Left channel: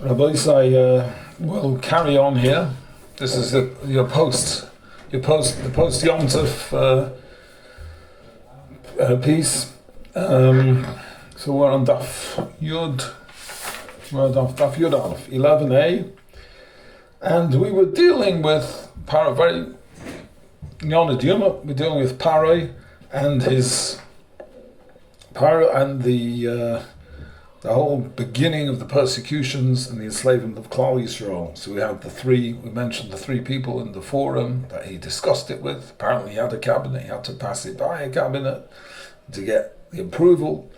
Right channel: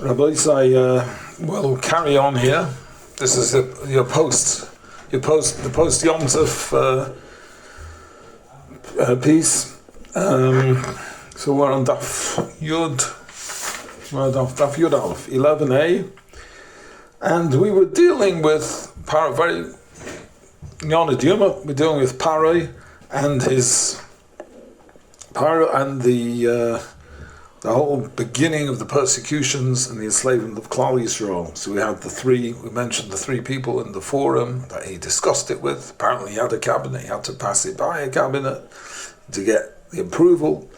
Rabbi Isai, we'll carry on here. This is the post Yom Tov piece. So we're on Daf Yud Aleph, 11a, and we were dealing with we're dealing with Paro and the whole beginning of the persecutions and the enslavement of Klal Yisrael. So we mentioned the three people in the forum that he discussed it with. Apparently he had a cabinet, he had to pass it by a cabinet to get the approval.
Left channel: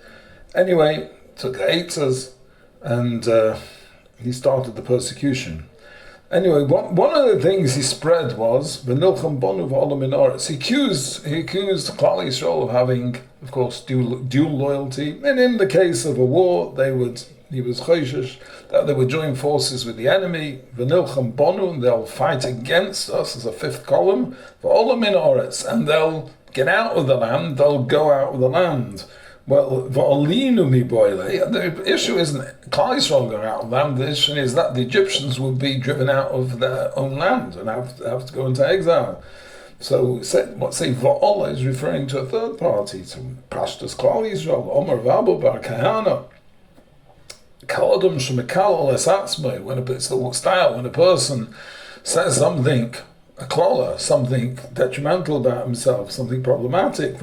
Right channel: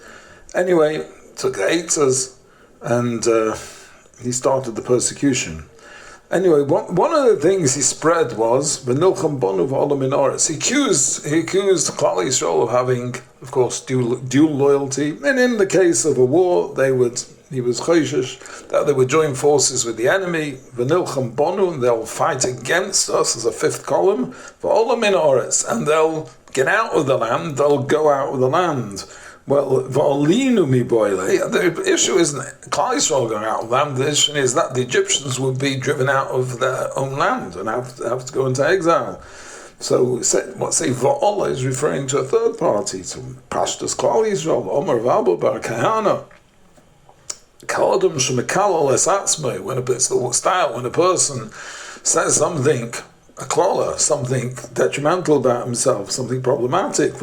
Anyway, took the eitzes and he started the persecution. Anyway, one of the things he spread was v'nilcham banu v'olam min haaretz. He accused Klal Yisrael of having, of course, dual loyalty. And in the case of a war, he was choishish that they would join forces with the enemy. V'nilcham banu, and they'll fight against us as a fifth column. V'olam min haaretz, and they'll get out of the land. They'll go out of the land. Well, the issue isn't Klal Yisrael going out of land. The issue is that the Egyptians would be driven out of their own land and have to go into exile. So Va'ola is referring to a third party, to Pashtus Klal Yisrael, Omer V'abo Bar Kahana. Kaladum Shemekal Es Atzmei, when it's the style, when a person says something, a klala, something detrimental about himself, something problematic,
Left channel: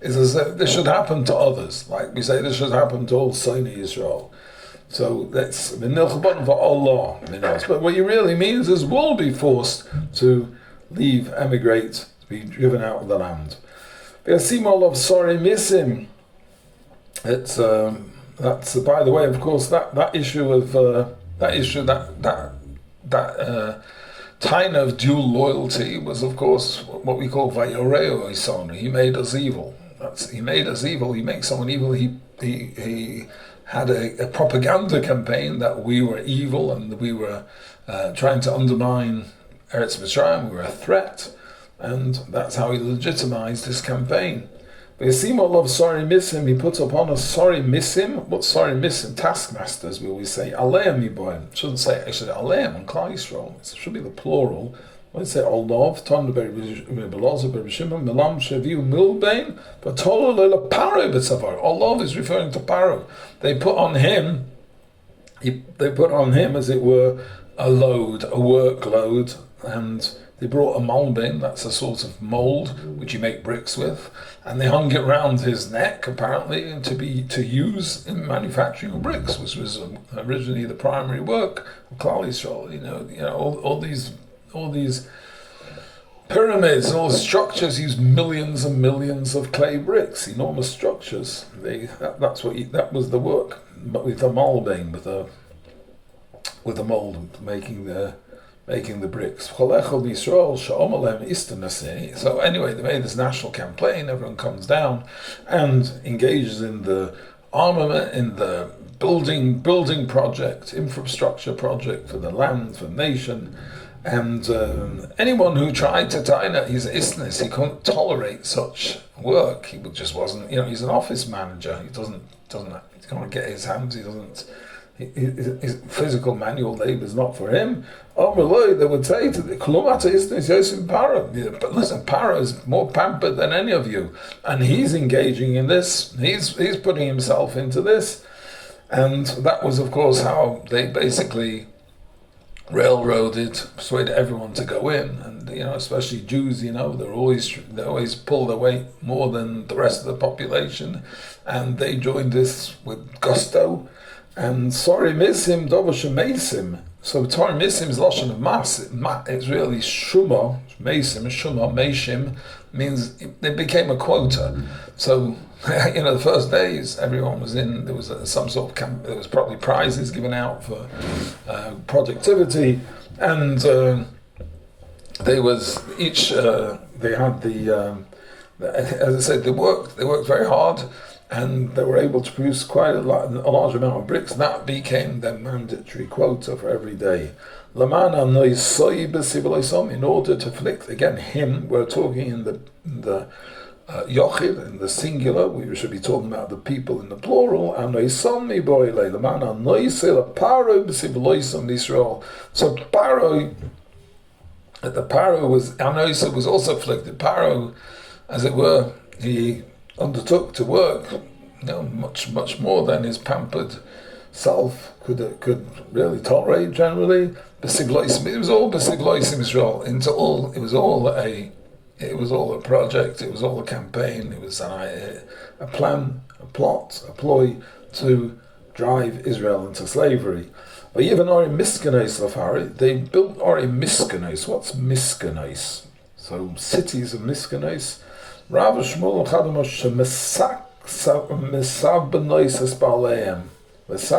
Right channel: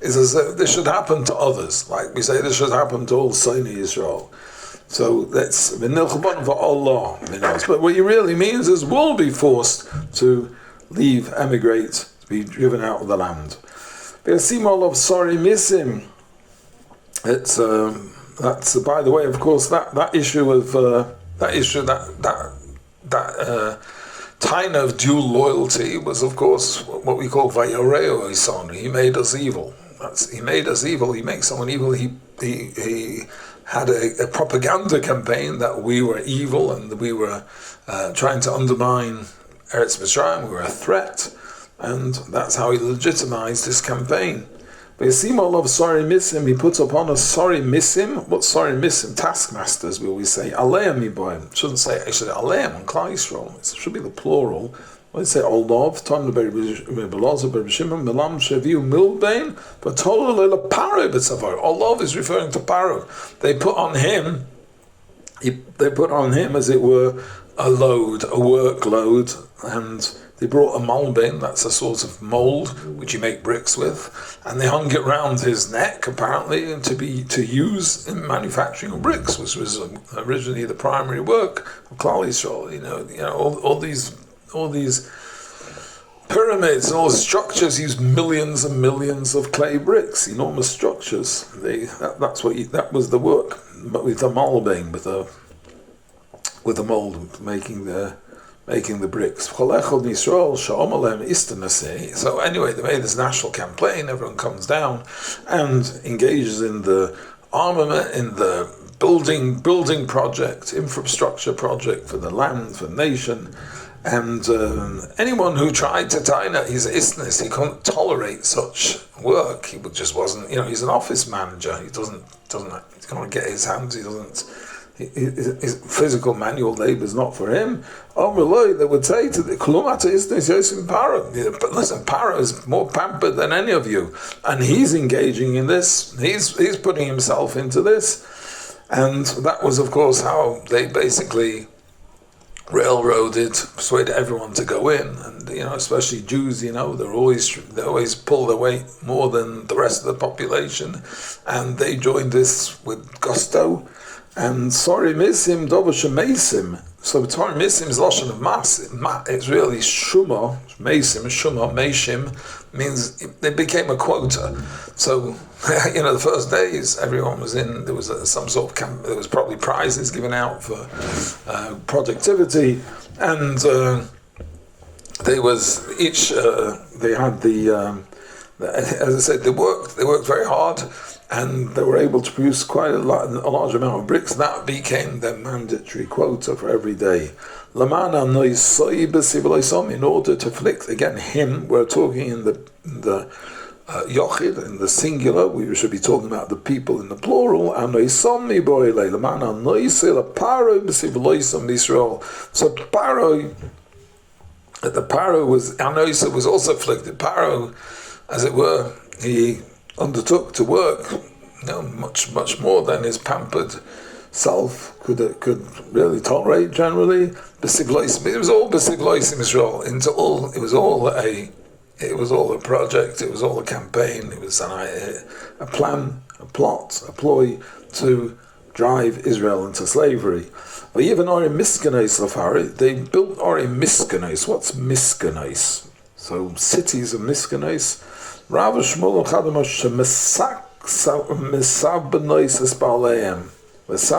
is as if this should happen to others. Like we say, this should happen to all Soni Yisrael. So that's v'nilchban v'Allah. But what he really means is we'll be forced to leave, emigrate, to be driven out of the land. V'yasimol of sorry misim. It's that's by the way, of course, that issue of Taina of dual loyalty was, of course, what we call Vayoreo Isonu. He made us evil. He made us evil. He makes someone evil. He had a propaganda campaign that we were evil and that we were trying to undermine Eretz Mitzrayim. We were a threat, and that's how he legitimized his campaign. But Yasimol of sorry misim, he puts upon us sorry misim. What sorry misim? Taskmasters, we always say aleim miboim. Shouldn't say actually aleim on Klal Yisrael. It should be the plural. When they say olov, ton belozo bereshimah milam sheviu milbein, but tola leila paro b'tzavar. Olov is referring to Paro. They put on him, as it were, a load, a workload, and they brought a malbin, that's a sort of mold which you make bricks with, and they hung it round his neck, apparently, to use in manufacturing of bricks, which was originally the primary work of Klal Yisrael. All these pyramids and all the structures use millions and millions of clay bricks, enormous structures. That was the work, but with the malbin, with the mold, making the bricks. So anyway, they made this national campaign. Everyone comes down and engages in the armament, in the building project, infrastructure project for the land, for the nation. And anyone who tried to taina his isness, he couldn't tolerate such work. He just wasn't. He's an office manager. He can't get his hands. His physical manual labor is not for him. They would say to the Kulumata Isnis Yosim Paro. But listen, Paro is more pampered than any of you, and he's engaging in this. He's putting himself into this, and that was, of course, how they basically persuaded everyone to go in, and especially Jews. They always pull their weight more than the rest of the population, and they joined this with gusto. And sorry misim dovash mesim. So Torah misim is lashon of mas. It's really shuma meishim means it became a quota. So the first days everyone was in. There was some sort of camp. There was probably prizes given out for productivity, and they had as I said, they worked very hard. And they were able to produce quite a large amount of bricks. That became their mandatory quota for every day. In order to afflict again him, we're talking in the Yochid in the singular, we should be talking about the people in the plural. So Paro, the Paro was also afflicted. Paro, as it were, he undertook to work, much more than his pampered self could really tolerate generally. It was all Besivloisim Israel. It was all a project. It was all a campaign. It was a plan, a plot, a ploy to drive Israel into slavery. But even Ori Miskanes Lafari, they built Ori Miskanes. What's Miskanes? So cities of Miskanes. Rav Shmuel Chadamosh Mesak Mesabenois Espaleim. There's a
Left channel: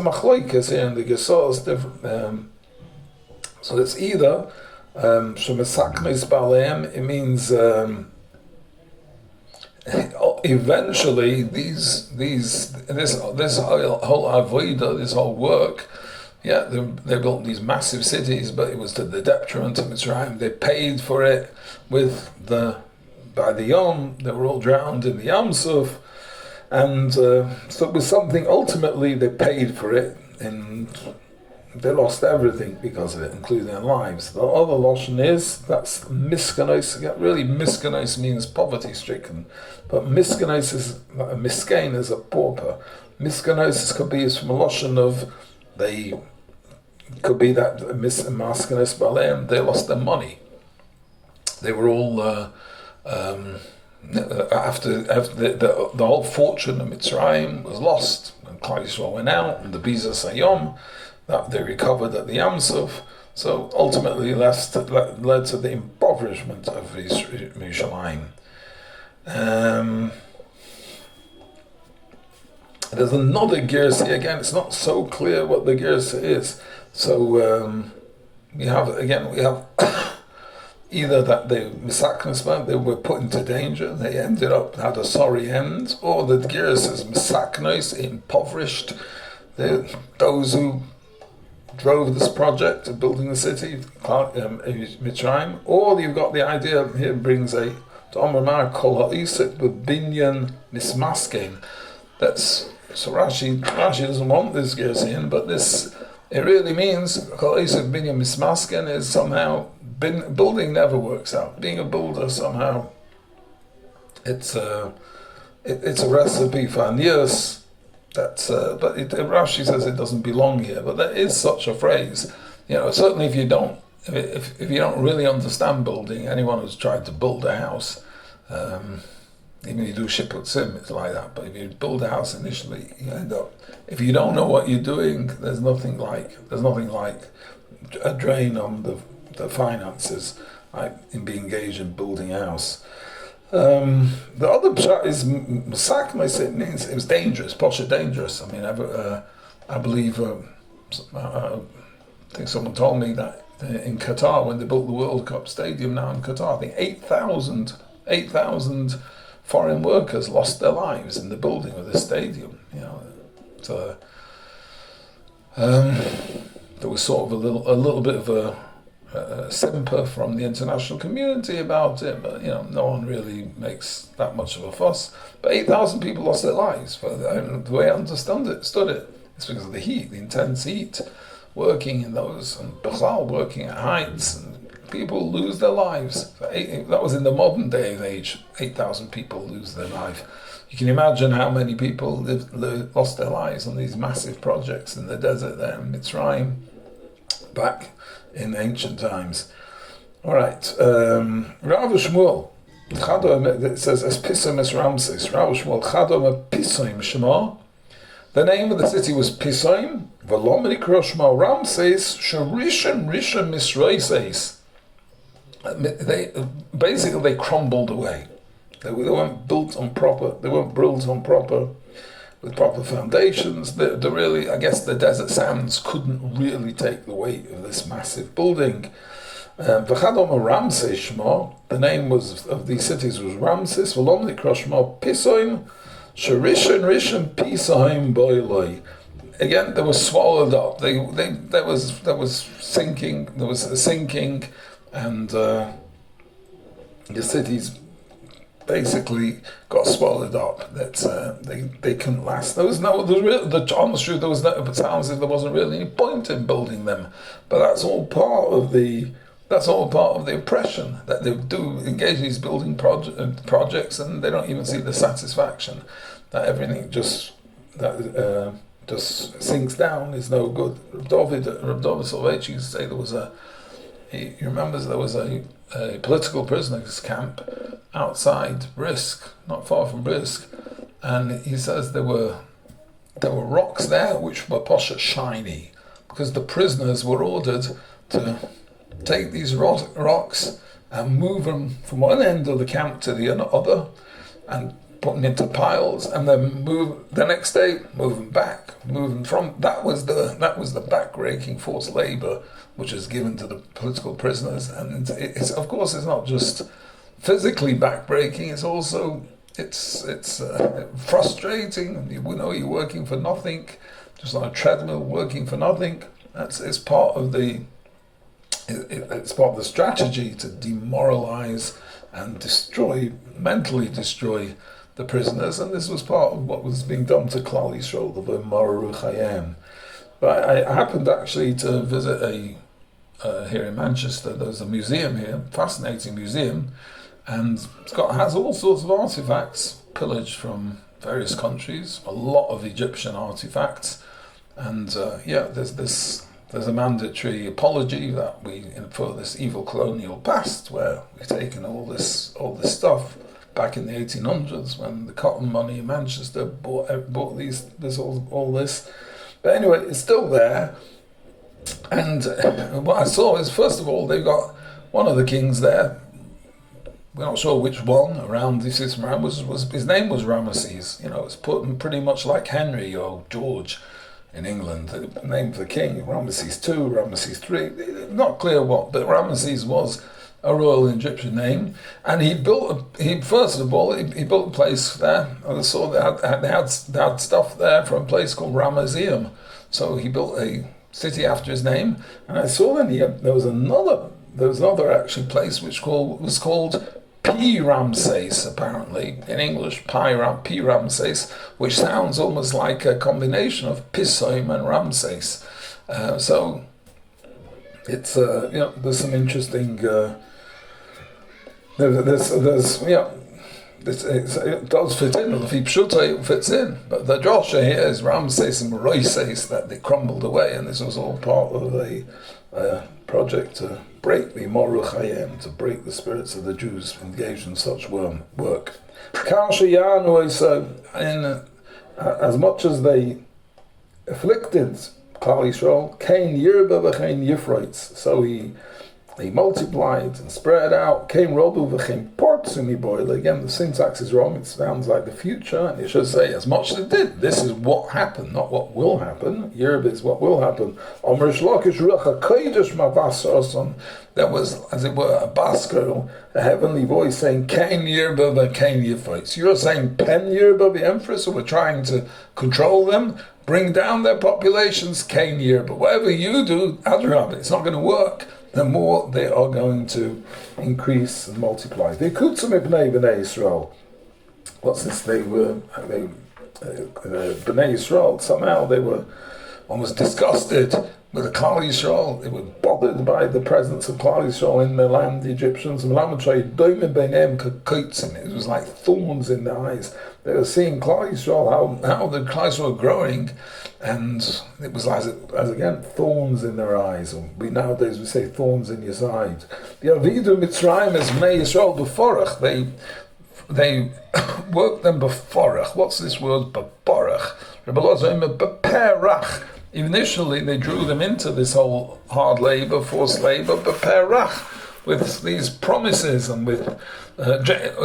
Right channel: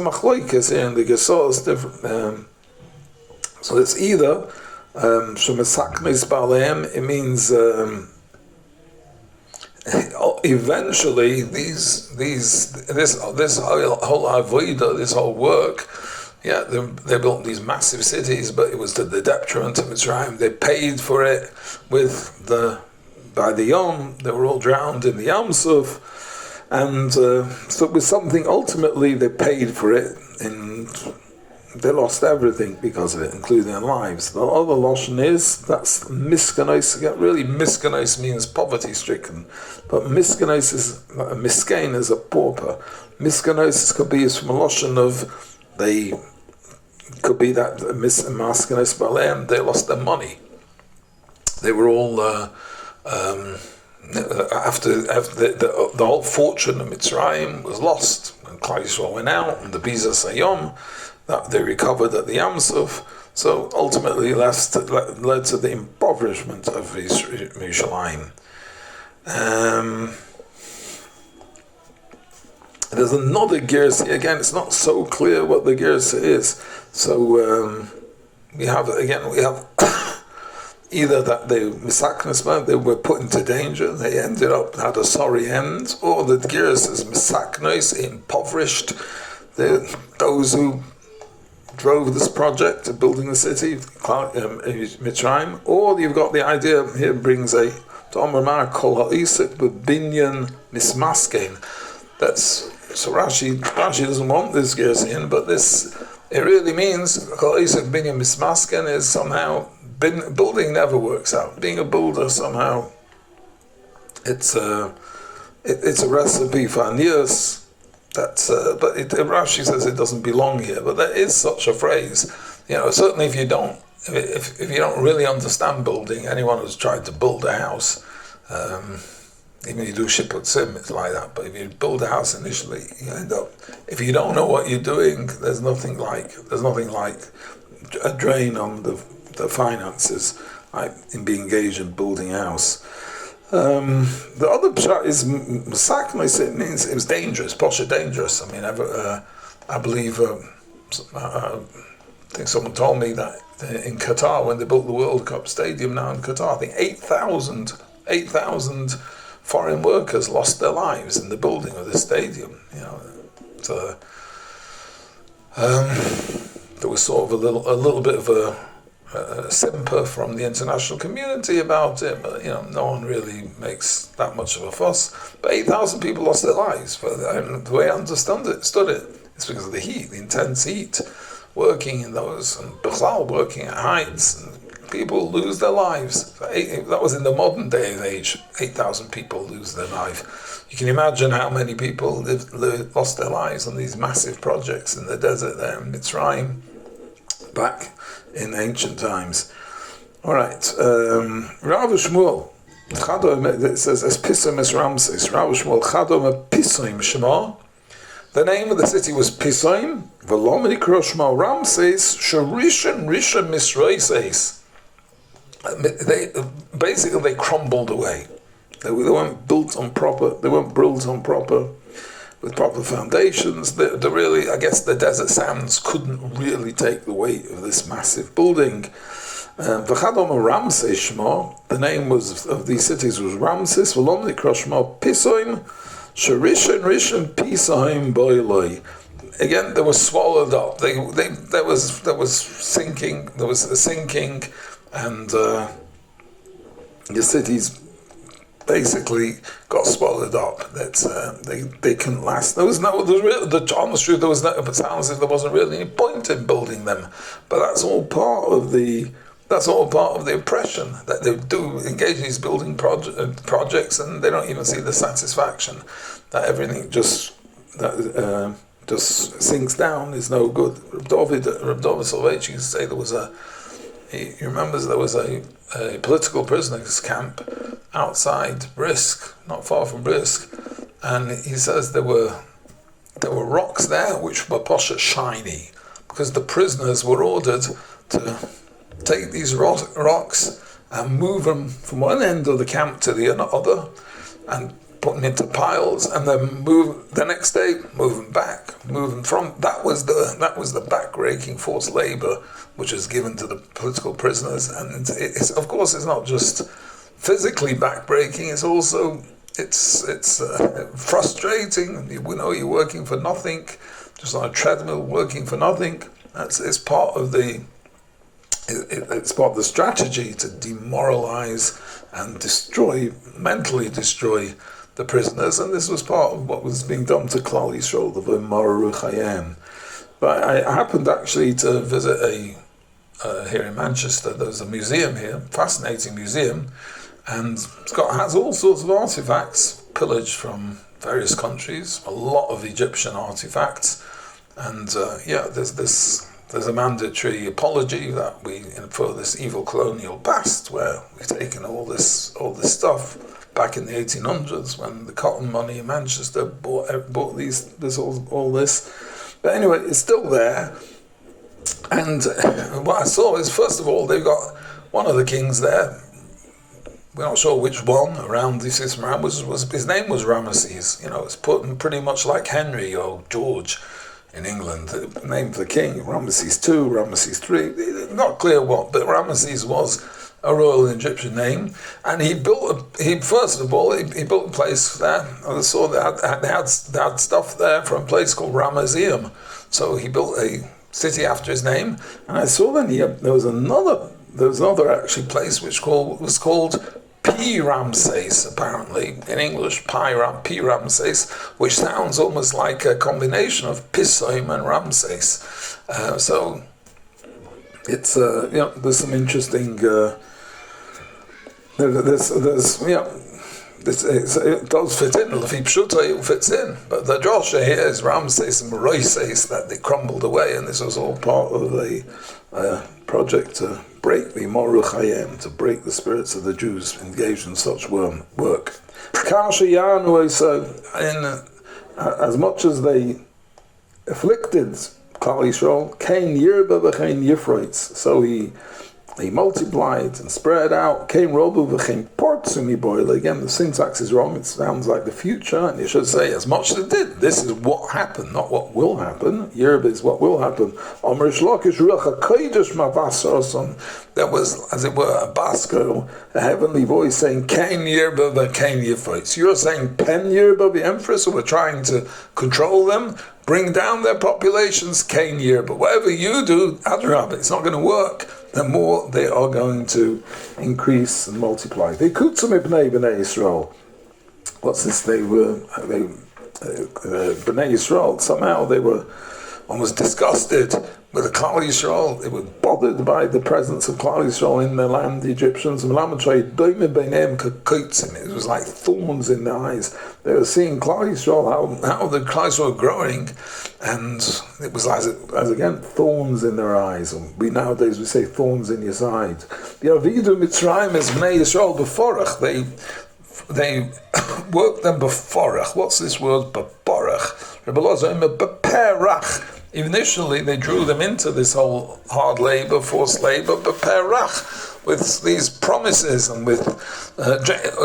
machloikas here in the Gesos. So it's either Shemesaknes Baleim. It means eventually this whole avodah, this whole work. Yeah, they built these massive cities, but it was to the detriment of Mitzrayim. They paid for it by the Yom. They were all drowned in the Yam Suf. And so it was something, ultimately they paid for it, and they lost everything because of it, including their lives. The other Lashon that's Miskanos. Really, Miskanos means poverty-stricken, but Miskanos is, Miskain is a pauper. Miskanos could be from a Lashon of, could be that Miskanos Baleim, they lost their money. They were all... after the whole fortune of Mitzrayim was lost, and Klal Yisrael went out, and the Biza Sayom, that they recovered at the Yam Suf, so ultimately led to the impoverishment of Yerushalayim. There's another Gersa, again, it's not so clear what the Gersa is, so we have either that they were put into danger, they ended up had a sorry end, or the Giras is misaknos, impoverished. Those who drove this project of building the city, Mitzrayim, or you've got the idea here brings a Tomar Kol Ha'isit with Binyan Mismaskein. That's so Rashi doesn't want this Giras in, but this. It really means Kol Ha'isit Binyan Mismaskein is somehow. Building never works out. Being a builder somehow, it's a recipe for anius. But Rashi says it doesn't belong here. But there is such a phrase. Certainly if you don't really understand building, anyone who's tried to build a house, even you do shipputzim, it's like that. But if you build a house initially, you end up. If you don't know what you're doing, there's nothing like a drain on the finances, in being engaged in building a house. The other pshat is masaknos. It means it was dangerous, posha dangerous. I mean, I believe, I think someone told me that in Qatar, when they built the World Cup stadium now in Qatar, I think 8,000 foreign workers lost their lives in the building of the stadium. There was sort of a little bit of a simper from the international community about it, but no one really makes that much of a fuss. But 8,000 people lost their lives. But the way I stood it, it's because of the heat, the intense heat, working in those, and Bechlal working at heights, and people lose their lives. That was in the modern day and age. 8,000 people lose their life. You can imagine how many people lost their lives on these massive projects in the desert there in Mitzrayim, back in ancient times. All right, Rav Shmuel, it says as Pisom es Ramses. Rav Shmuel Chadom Pisom Shema. The name of the city was Pisom. V'lo Mikroshma Ramses Sharishan Rishon Misraises. They crumbled away. They weren't built on proper. With proper foundations. Really, I guess the desert sands couldn't really take the weight of this massive building. V'chadom Ramses Shema, the name of these cities was Ramses. V'lom nikra Shema Pisoim, Rishon Pisoim Boiloi. Again, they were swallowed up. There was sinking, and the cities basically got swallowed up. That they couldn't last. There was almost true. There was no. It sounds as if there wasn't really any point in building them. But that's all part of the oppression, that they do engage in these building projects, and they don't even see the satisfaction. That everything just sinks down, is no good. Reb David Soloveitchik used to say he remembers there was a political prisoners camp outside Brisk, not far from Brisk, and he says there were rocks there which were posher shiny, because the prisoners were ordered to take these rocks and move them from one end of the camp to the other, and put them into piles, and then the next day, move them back, move them from. That was the back-breaking forced labor which is given to the political prisoners, and it's of course it's not just physically back-breaking. It's also it's frustrating. You're working for nothing, just on a treadmill, working for nothing. It's part of the. It's part of the strategy to demoralize and mentally destroy the prisoners, and this was part of what was being done to Klal Yisrael, the V'Maru Chayim. But I happened actually to visit here in Manchester. There's a museum here, fascinating museum, and has all sorts of artifacts pillaged from various countries, a lot of Egyptian artifacts, and there's a mandatory apology that we infer this evil colonial past, where we've taken all this stuff back in the 1800s when the cotton money in Manchester bought all this. But anyway, it's still there. And what I saw is, first of all, they've got one of the kings there. We're not sure which one. Around this his name was Ramesses. It's put pretty much like Henry or George in England. The name of the king, Ramesses II, Ramesses III. Not clear what, but Ramesses was a royal Egyptian name, and he built a place there. I saw they had stuff there from a place called Ramesseum, so he built a city after his name. And I saw then there was another actually place which was called P. Ramses, apparently in English, P. Ramses, which sounds almost like a combination of Pisoim and Ramses. So it's there's some interesting. It does fit in. It fits in, but the Joshua here is Ramses and Moises, that they crumbled away, and this was all part of a project to break the Moru Chayim, to break the spirits of the Jews engaged in such work. As much as they afflicted Klal Yisrael, Kain Yirba v'Kain Yifroitz, so he multiplied and spread out. Came Robu v'chem portsumi boil. Again, the syntax is wrong. It sounds like the future, and it should say as much as it did. This is what happened, not what will happen. Yerb is what will happen. There was, as it were, a basko, a heavenly voice saying, "Kain Yerba v'Kain Yifroitz." You're saying Pen Yerba the Empress, so we're trying to control them, bring down their populations. Kain Yerba. Whatever you do, Adrab, it's not going to work. The more they are going to increase and multiply. They kutzum ibnei bnei Yisrael. What's this? Bnei Yisrael. Somehow they were almost disgusted with the Klal Yisrael. They were bothered by the presence of Klal Yisrael in their land, the Egyptians. It was like thorns in their eyes. They were seeing Klal Yisrael, how the Klal Yisrael were growing, and it was as again thorns in their eyes. And nowadays we say thorns in your side. The Avidu Mitzrayim is Bnei Yisrael beforach. They worked them beforach. What's this word beforach? Beperach. Initially, they drew them into this whole hard labor, forced labor, beperach, with these promises and with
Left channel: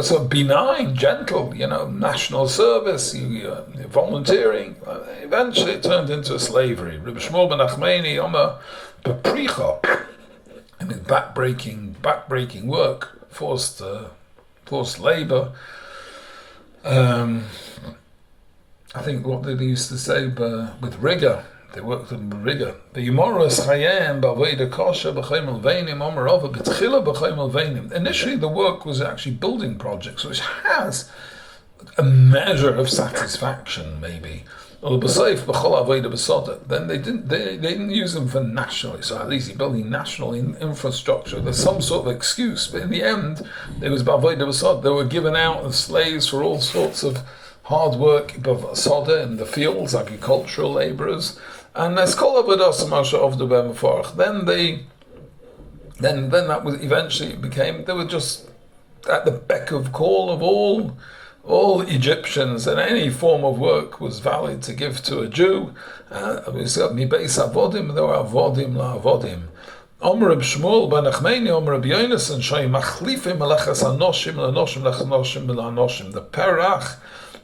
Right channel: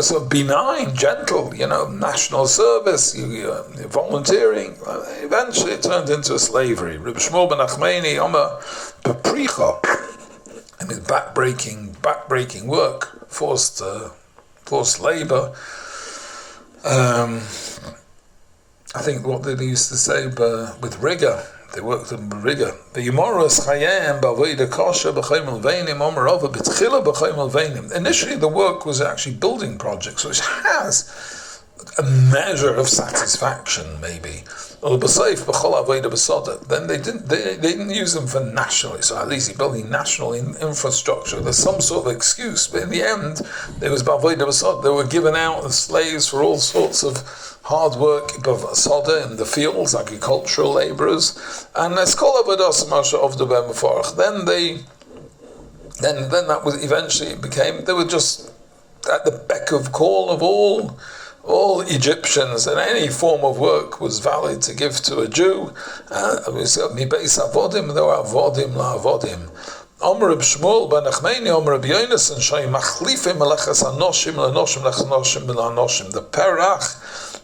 so benign, gentle, national service, volunteering. Eventually, it turned into slavery. Reb Shmuel ben Achmeni, bepricha, backbreaking work, forced labor. I think what they used to say with rigor, They worked in rigor. Initially, the work was actually building projects, which has a measure of satisfaction, maybe. Then they didn't use them for nationally, so at least building national infrastructure. There's some sort of excuse, but in the end, there was b'avodah b'soda. They were given out as slaves for all sorts of hard work, soda in the fields, agricultural labourers, and there's kol avodas of the b'meforach. Then that was eventually it became they were just at the beck of call of all Egyptians, and any form of work was valid to give to a Jew. Mi beis avodim, there were avodim la avodim. Omer Reb Shmuel ben Achmeni, Omer Reb Yonasan, Shai machlifim melechas hanoshim lanoshim lechanoshim lanoshim. The perach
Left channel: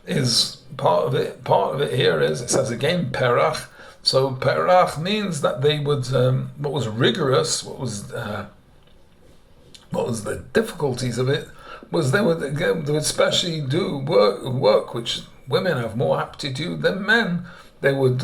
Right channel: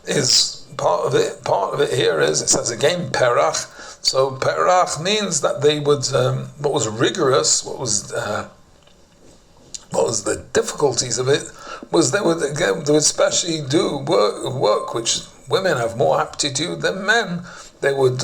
is part of it. Part of it here is it says again perach. So perach means that they would what was rigorous, what was the difficulties of it was they would especially do work which women have more aptitude than men. They would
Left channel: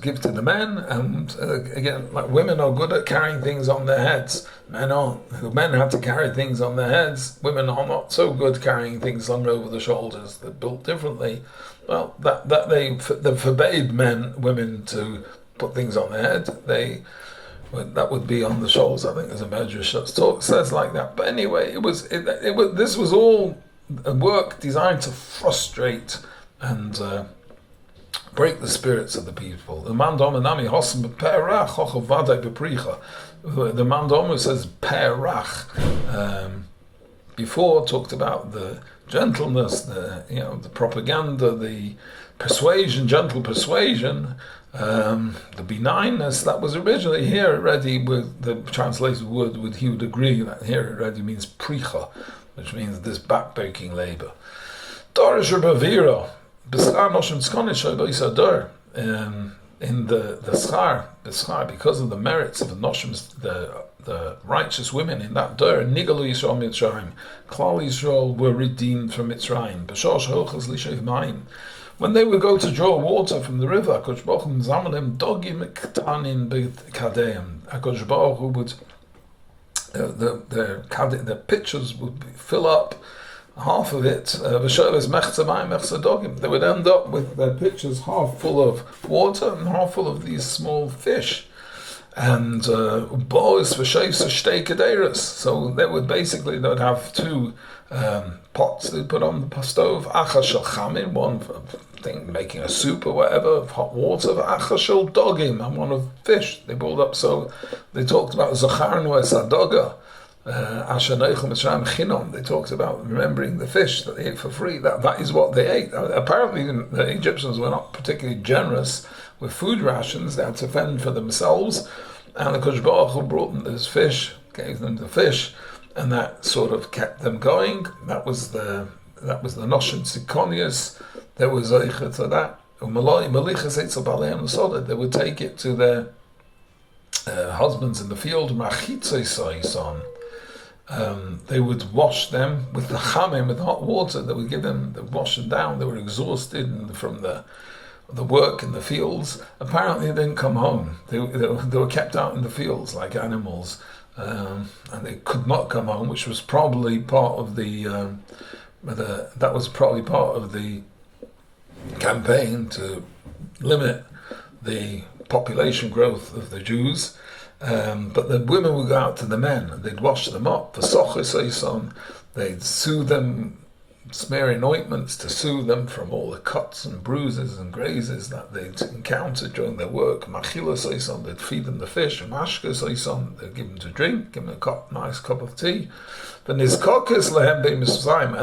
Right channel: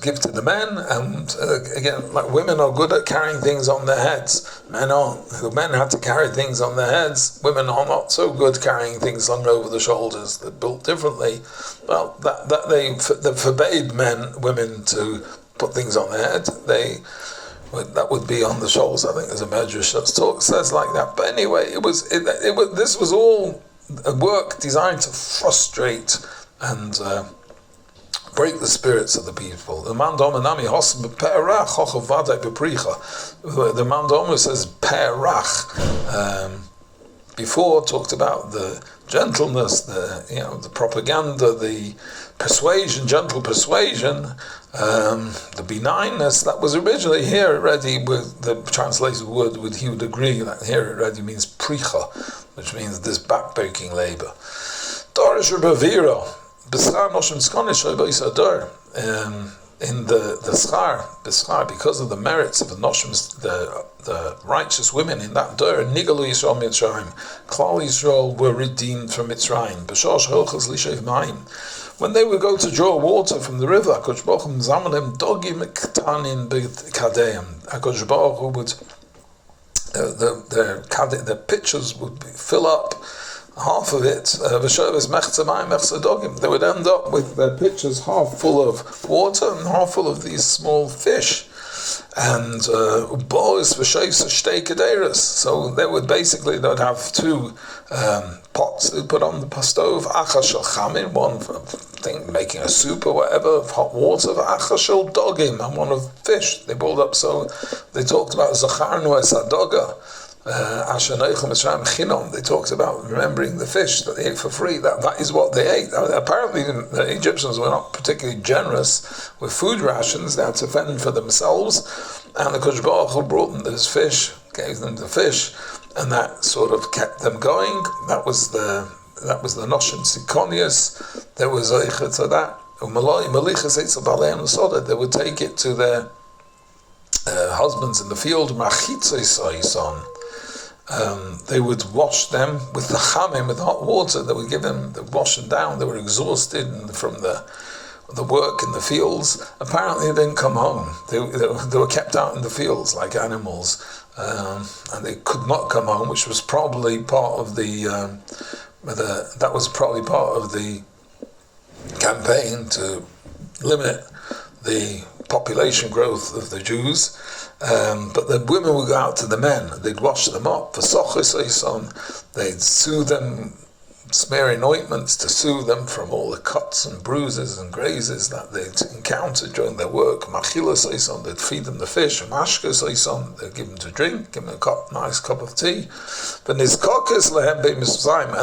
give to the men, and again, like women are good at carrying things on their heads. Men aren't. The men had to carry things on their heads. Women are not so good carrying things slung over the shoulders. They're built differently. Well, they forbade women to put things on their head. That would be on the shoulders. I think there's a medrash that says like that. But anyway, this was all a work designed to frustrate and break the spirits of the people. The Mandomer says perach. Before talked about the gentleness, the propaganda, the persuasion, gentle persuasion, the benignness. That was originally here already with the translated word. He would agree that here it already means pricha, which means this backbreaking labor. Dorish Rebavira. In the schar, because of the merits of the noshim, the righteous women in that dur, Nigalu Yisrael Mitzrayim, Klal Yisrael were redeemed from Mitzrayim. B'shosh Hilchas Lishev Mayim. When they would go to draw water from the river, HaKadosh Baruch Hu Zamanim Dogim Ktanin B'Kadeim. HaKadosh Baruch Hu would the pitchers would fill up. Half of it, they would end up with their pitchers half full of water and half full of these small fish. And so they would have two pots they'd put on the stove, one thing making a soup or whatever of hot water, dogim, and one of fish they boiled up. So they talked about Zacharnu es Hadoga. They talked about remembering the fish that they ate for free. That is what they ate. Apparently the Egyptians were not particularly generous with food rations. They had to fend for themselves, and the Kodesh Baruch Hu brought them this fish, gave them the fish, and that sort of kept them going. That was the Noshim Sikonius. There was Eicha to that. They would take it to their husbands in the field. They would wash them with the chamim, with hot water. They would wash them down. They were exhausted from the work in the fields. Apparently they didn't come home. They were kept out in the fields like animals, and they could not come home, which was probably part of the campaign to limit the population growth of the Jews. But the women would go out to the men, they'd wash them up. They'd soothe them, smearing ointments to soothe them from all the cuts and bruises and grazes that they'd encountered during their work. They'd feed them the fish. They'd give them to drink, give them a nice cup of tea. And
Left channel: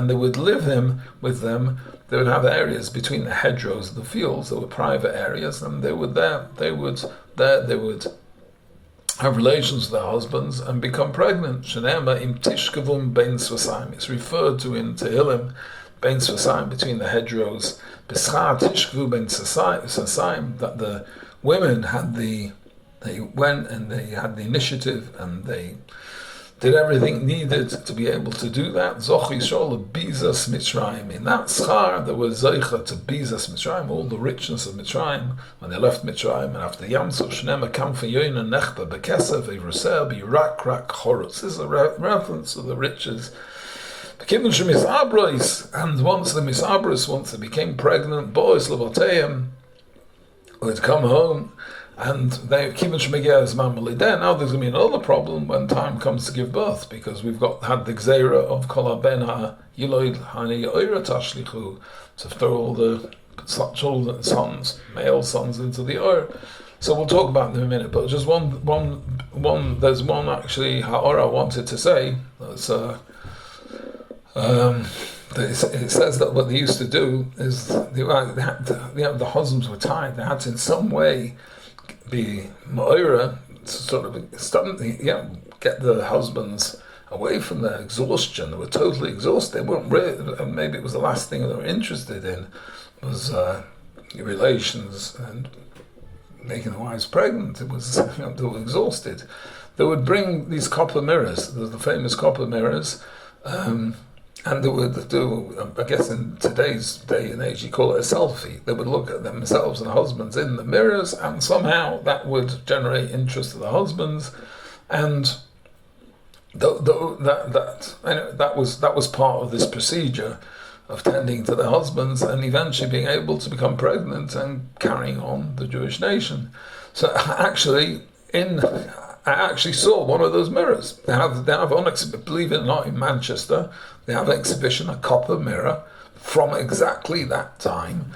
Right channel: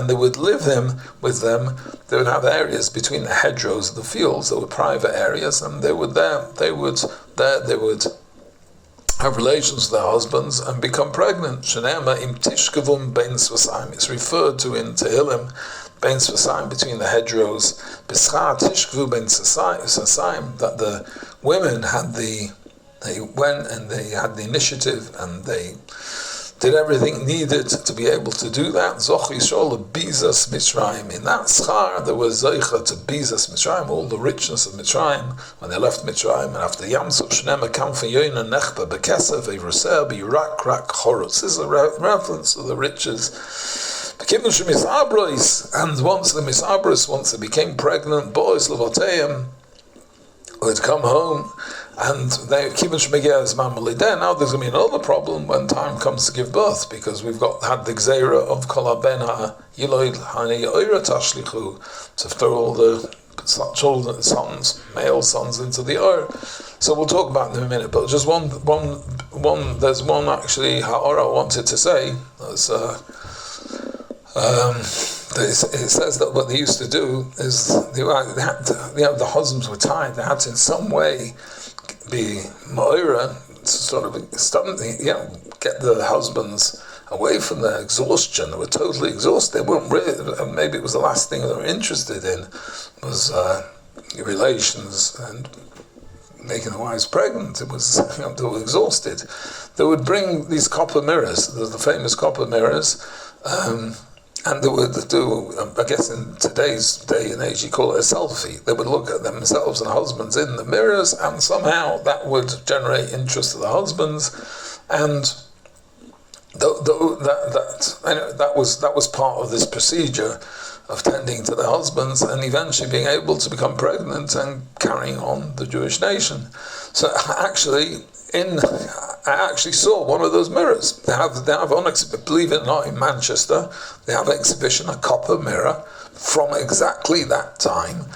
they would live with them. They would have areas between the hedgerows of the fields that were private areas, and they would have relations with their husbands and become pregnant. It's referred to in Tehillim, bein Svasaim, between the hedgerows. That the women they went and they had the initiative and they did everything needed to be able to do that. Zoch Yisrael Bizas Mitzrayim. In that schar, there was Zeicha to Bizas Mitzrayim, all the richness of Mitzrayim, when they left Mitzrayim, and after Yamsuf Shnema Kamfa Yoina Nechba Bekesef Evruseh Birak Rak Chorutz. This is a reference to the riches. And once the Misabros, once they became pregnant, boys Levoteim would come home, and they now there's going to be another problem when time comes to give birth, because we've had the Gzeira of Kol HaBen HaYiloid Hani Oira Tashlichu, to throw all the children, sons, male sons into the Oir. So we'll talk about them in a minute, but just one there's one actually Ha'ora I wanted to say. It says that what they used to do is the husbands were tied. They had to in some way be ma'ira to sort of get the husbands away from their exhaustion. They were totally exhausted. They weren't really, maybe it was the last thing they were interested in was relations and making the wives pregnant. It was they were exhausted. They would bring these copper mirrors, the famous copper mirrors. And they would do, I guess in today's day and age, you call it a selfie. They would look at themselves and husbands in the mirrors, and somehow that would generate interest to the husbands. And that was part of this procedure of tending to the husbands and eventually being able to become pregnant and carrying on the Jewish nation. So actually, I actually saw one of those mirrors. They have believe it or not, in Manchester, they have an exhibition, a copper mirror from exactly that time.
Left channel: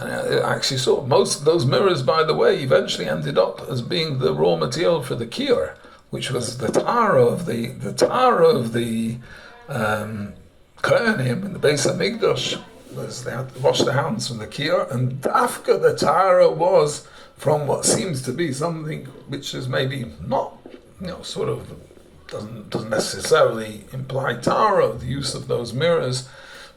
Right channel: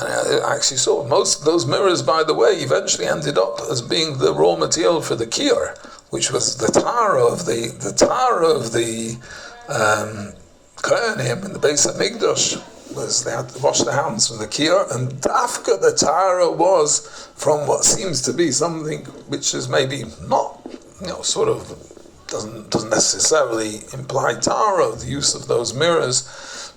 And I actually saw most of those mirrors, by the way, eventually ended up as being the raw material for the kior, which was the tara of the Kohanim in the base of Mikdash. Was they had to wash their hands from the kior, and Dafka the tara was from what seems to be something which is maybe not, sort of doesn't necessarily imply tara, the use of those mirrors,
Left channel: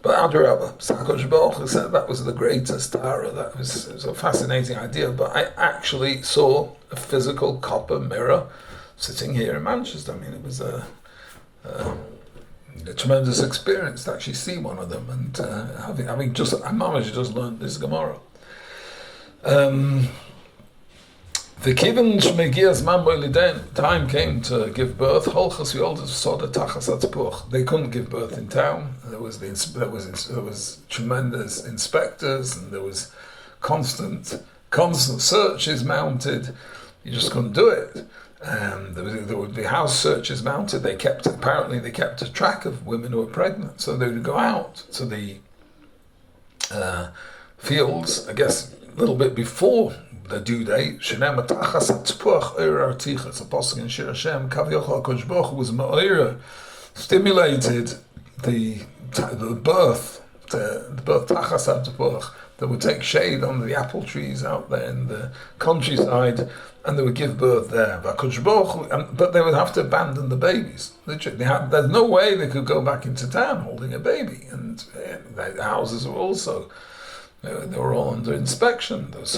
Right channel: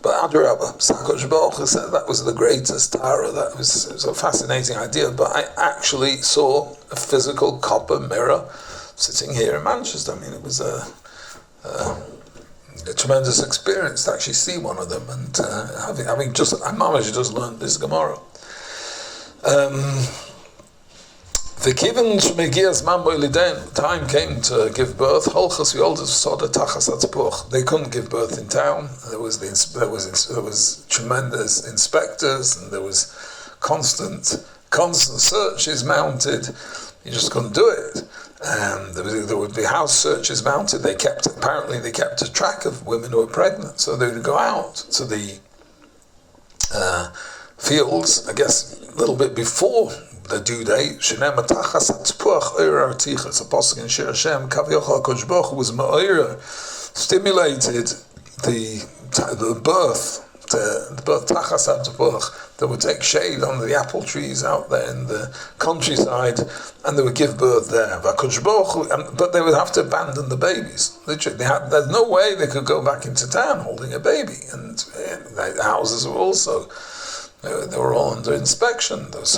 but Adrabah, Sakosh Baruch said that was the greatest tara. It was a fascinating idea, but I actually saw a physical copper mirror sitting here in Manchester. I mean, it was a tremendous experience to actually see one of them, and having just learned this Gemara. The time came to give birth. They couldn't give birth in town. There was tremendous inspectors, and there was constant searches mounted. You just couldn't do it. And there would be house searches mounted. They kept a track of women who were pregnant, so they would go out to the fields, I guess a little bit before the due date. It's a pasuk in Shir Hashem, Kavyochal HaKadosh Baruch Hu was ma'ira, stimulated the birth tachas ha'tepuach. They would take shade under the apple trees out there in the countryside, and they would give birth there. But they would have to abandon the babies. There's no way they could go back into town holding a baby, and the houses were also. They were all under inspection. Those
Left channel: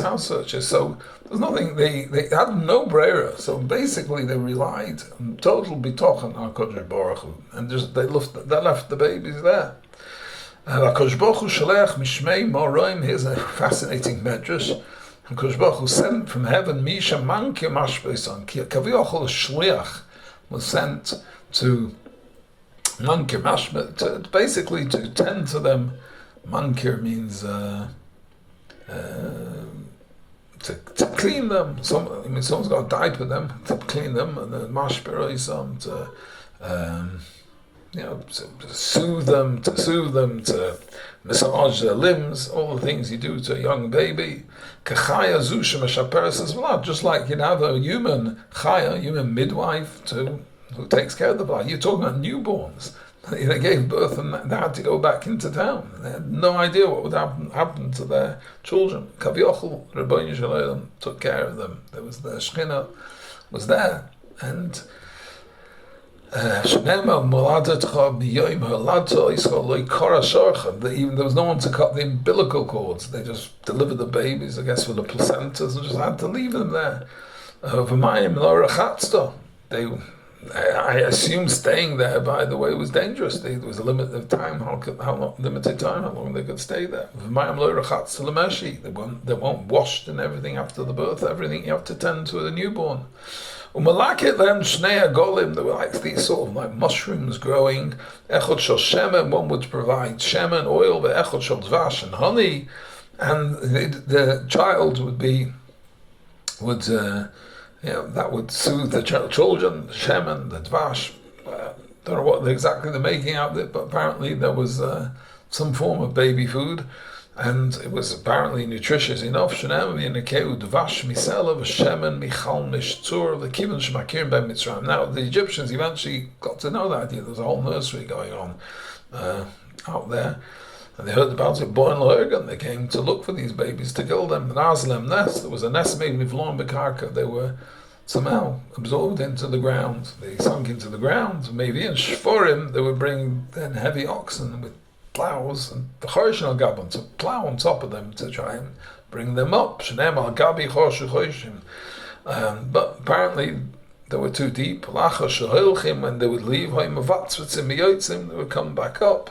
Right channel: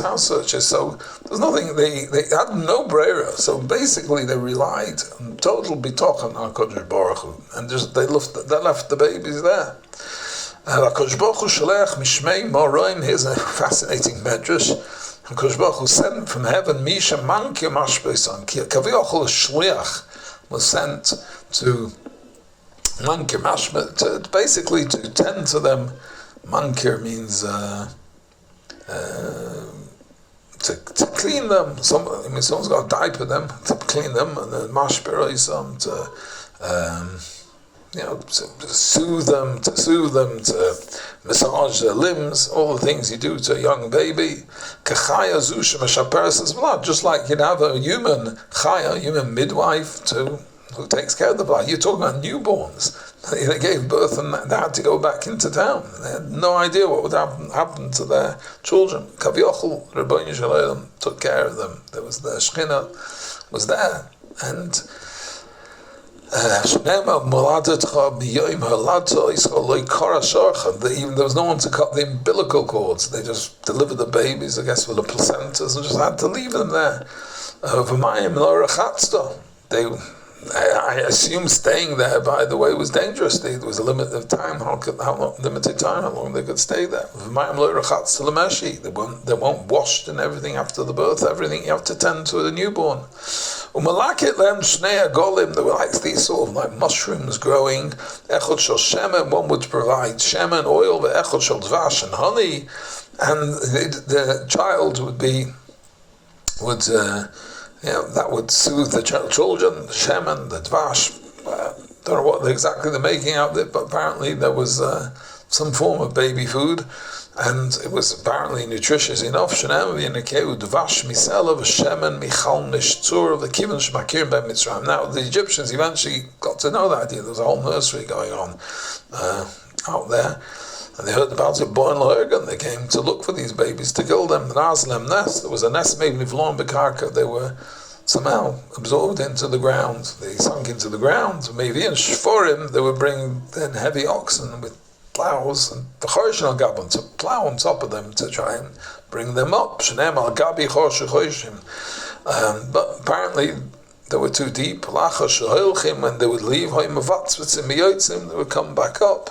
house searches. So there's nothing. They had no brera. So basically, they relied on total bitochen on HaKadosh Baruch Hu, and just they left the babies there. HaKadosh Baruch Hu shalech mishmei moroim. Here's a fascinating medrash. HaKadosh Baruch Hu sent from heaven misha manki mashbeison. Kaviyachol shliach was sent to manki mashbe to basically to tend to them. Mankir means to clean them. Someone's got to diaper them, to clean them, and then mashberoisam to soothe them, to massage their limbs, all the things you do to a young baby. Kachaya zusha meshaperes blood, just like you'd have a human midwife who takes care of the blood. You're talking about newborns. They gave birth and they had to go back into town. They had no idea what would happen to their children. Kaviochel, Rabbeinu Shalom, took care of them. There was the Shekhinah was there, and even there was no one to cut the umbilical cords. They just delivered the babies, I guess, with the placentas, and just had to leave them there. I assume staying there, by the way, was dangerous. There was a limit of time, how long they could stay there. They won't wash and everything after the birth, everything you have to tend to a newborn. There were like these sort of like mushrooms growing. One would provide shemen, oil, dvash and honey, and the child that would soothe the children, the shemen, the dvash. Don't know what exactly they're making out of it, but apparently there was some form of baby food, and it was apparently nutritious enough. Now the Egyptians eventually got to know that idea. There was a whole nursery going on out there, and they heard about it, and they came to look for these babies to kill them. There was a nest made with lawn bekarka. They were somehow absorbed into the ground. They sunk into the ground. Maybe in Shforim, they would bring then heavy oxen with plows and the Chorshon al to plow on top of them to try and bring them up. But apparently they were too deep. And they would leave, they would come back up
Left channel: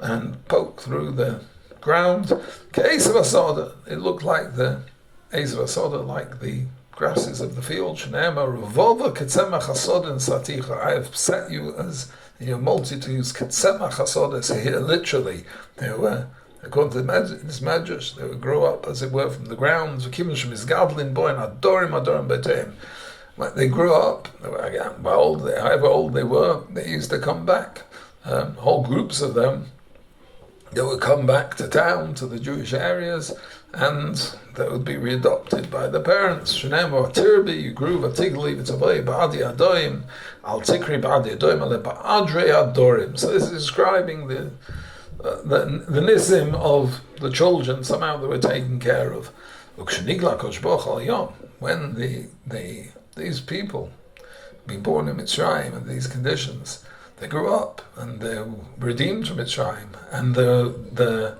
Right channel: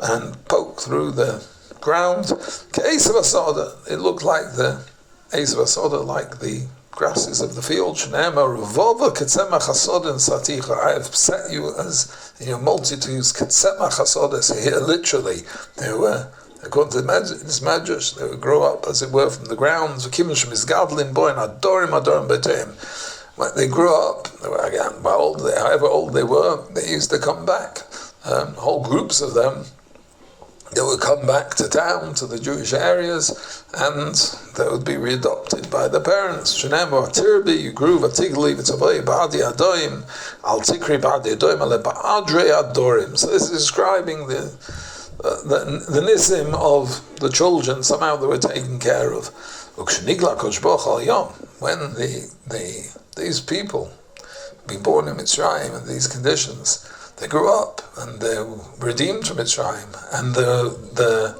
and poke through the ground. It looked like the like the grasses of the field. I have set you as in your multitudes. Here, literally, they were, according to this Medrash, they would grow up, as it were, from the ground. When they grew up, however old they were, they used to come back. Whole groups of them, they would come back to town, to the Jewish areas, and they would be readopted by the parents. You grew so this is describing the nisim of the children. Somehow they were taken care of. When these people being born in Mitzrayim in these conditions, they grew up and they were redeemed from Mitzrayim, and the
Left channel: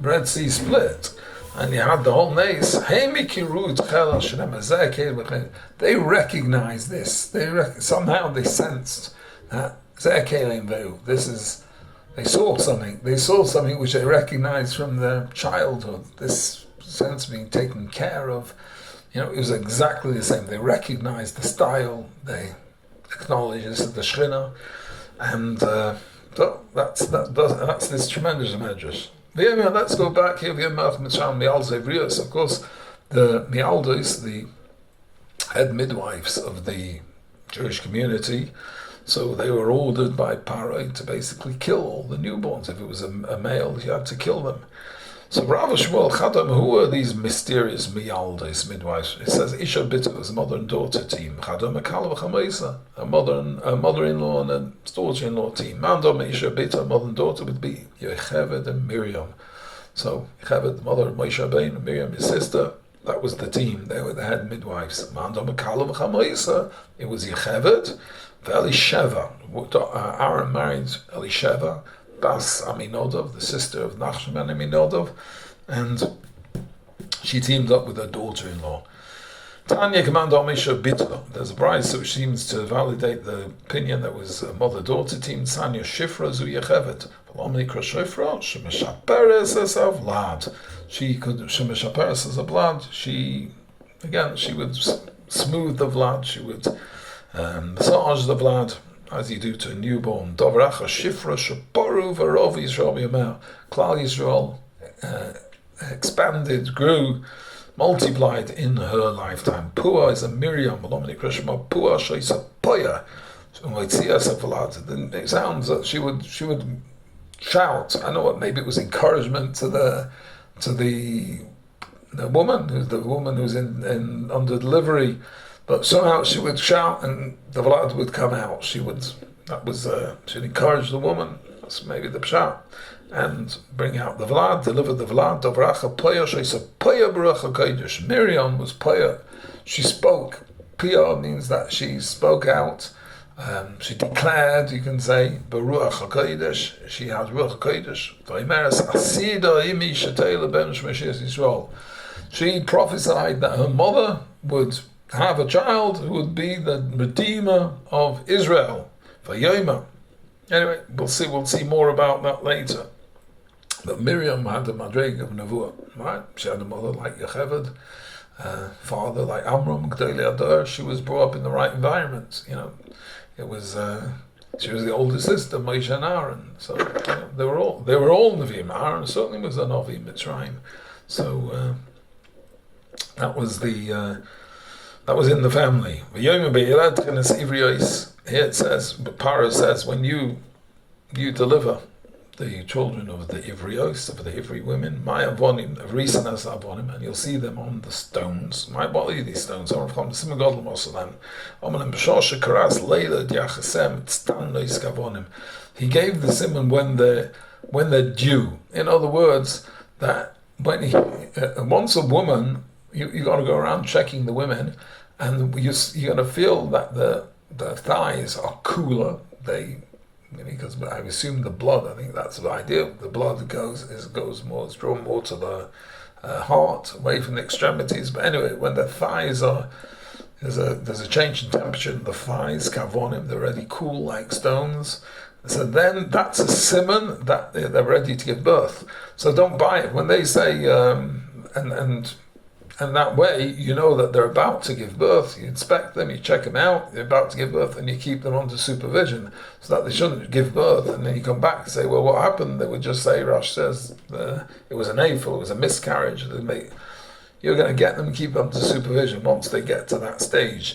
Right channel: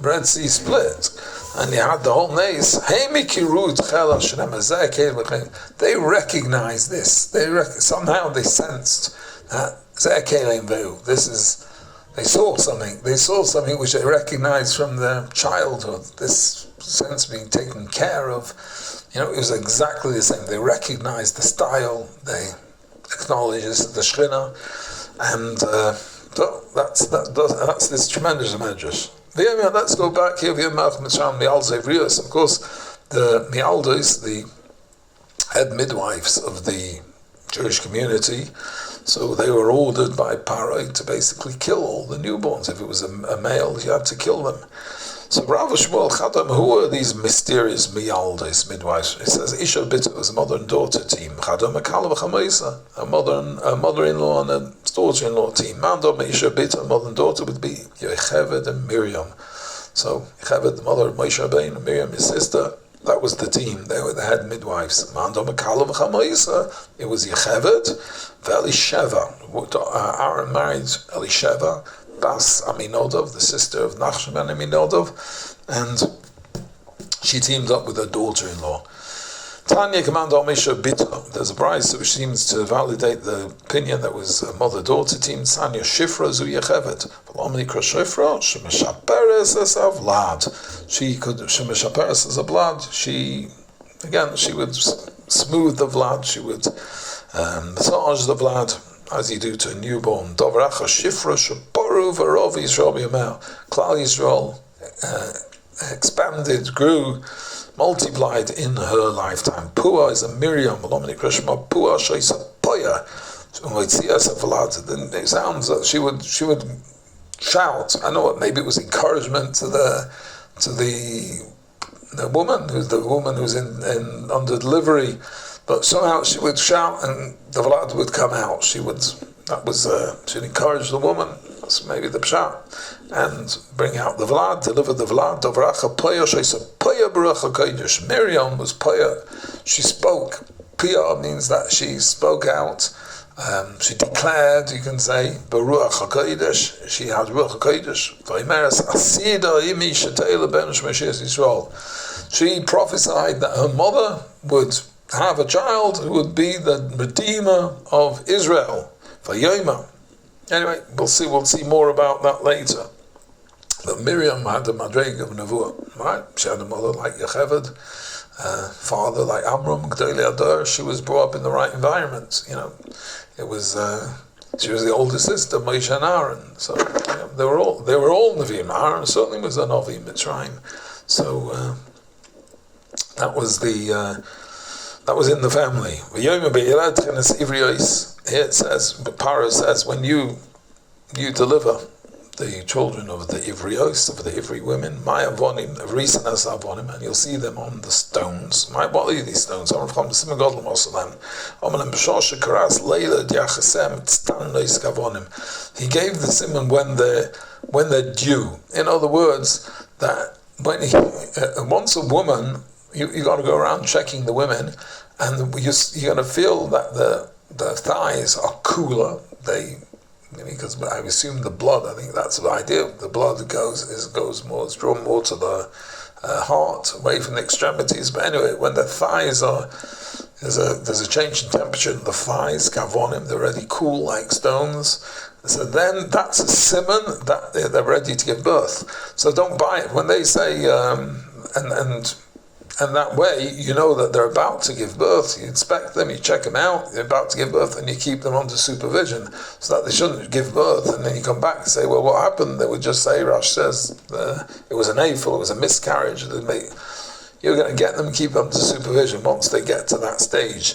Red Sea split, and you had the whole nace. They recognized this. Somehow they sensed that this is. They saw something. They saw something which they recognized from their childhood. This sense of being taken care of. It was exactly the same. They recognized the style. They acknowledged this the Shekhinah. And that's this tremendous medrash. Let's go back here. Of course, the Mialdos, the head midwives of the Jewish community, so they were ordered by Paro to basically kill all the newborns. If it was a male, you had to kill them. So Rav Shmuel Chadam, who are these mysterious Mialdos, midwives? It says Isha Bita was a mother and daughter team. Chadam Akal v'Chamaisa, a mother-in-law and a daughter-in-law team. Mandom Isha Bita, a mother and daughter, would be Yocheved and Miriam. So Yocheved, the mother of Moshe Rabbeinu, and Miriam, his sister, that was the team. They were the head midwives. Mandom Akal v'Chamaisa, it was Yocheved, Elisheva. Aaron married Elisheva, Bas Aminodov, the sister of Nachshon and Aminodov, and she teamed up with her daughter-in-law. Tanya Commander Misha Bita. There's a bride which seems to validate the opinion that was a mother-daughter team. Tanya Shifra Zu Yechevet. V'lomnikra Shifra Shemeshaperes Es Avlad. She could Shemeshaperes as a blood. She would smooth the blood. She would massage the blood, as you do to a newborn. Dovracha Shifra Shaporu Varov Yisrael Yamel. Klal Yisrael expanded, grew, multiplied in her lifetime. Pua is a Miriam. Pua Shaisa Poya. It sounds that she would shout. I know maybe it was encouragement to the woman who's in under delivery. But somehow she would shout and the vlad would come out. She'd encourage the woman, that's maybe the pshat, and bring out the vlad, deliver the vlad. Dovracha poya, she said, poya baruch HaKodesh. Miriam was poya. She spoke. Pia means that she spoke out. She declared, you can say, baruch HaKodesh. She had ruach HaKodesh. Vaymeres asida imi shetela ben shmeshes Yisrael. She prophesied that her mother would have a child who would be the Redeemer of Israel. Vayoma. Anyway, we'll see more about that later. But Miriam had a madreg of Nevuah, right? She had a mother like Yocheved, father like Amram, Gdolei Adar. She was brought up in the right environment. It was she was the older sister, Moshe and Aaron. So they were all Nevi'im. Aaron certainly was a Navi Mitzrayim. So that was in the family. Here it says, Parah says, when you deliver the children of the Ivrios, of the Ivri women, my avonim, Risanas avonim, and you'll see them on the stones. What are these stones? He gave the simon when they're due. In other words, that when once a woman, you got to go around checking the women, and you're going to feel that the thighs are cooler. Because I assume the blood, I think that's the idea. The blood goes more, it's drawn more to the heart, away from the extremities. But anyway, when the thighs there's a change in temperature in the thighs, kavonim, they're already cool like stones. So then that's a simon that they're ready to give birth. So don't buy it. When they say, and that way, you know that they're about to give birth. You inspect them, you check them out, they're about to give birth, and you keep them under supervision so that they shouldn't give birth. And then you come back and say, well, what happened? They would just say, Rash says, it was an AFL, it was a miscarriage. You're going to get them, keep them under supervision once they get to that stage.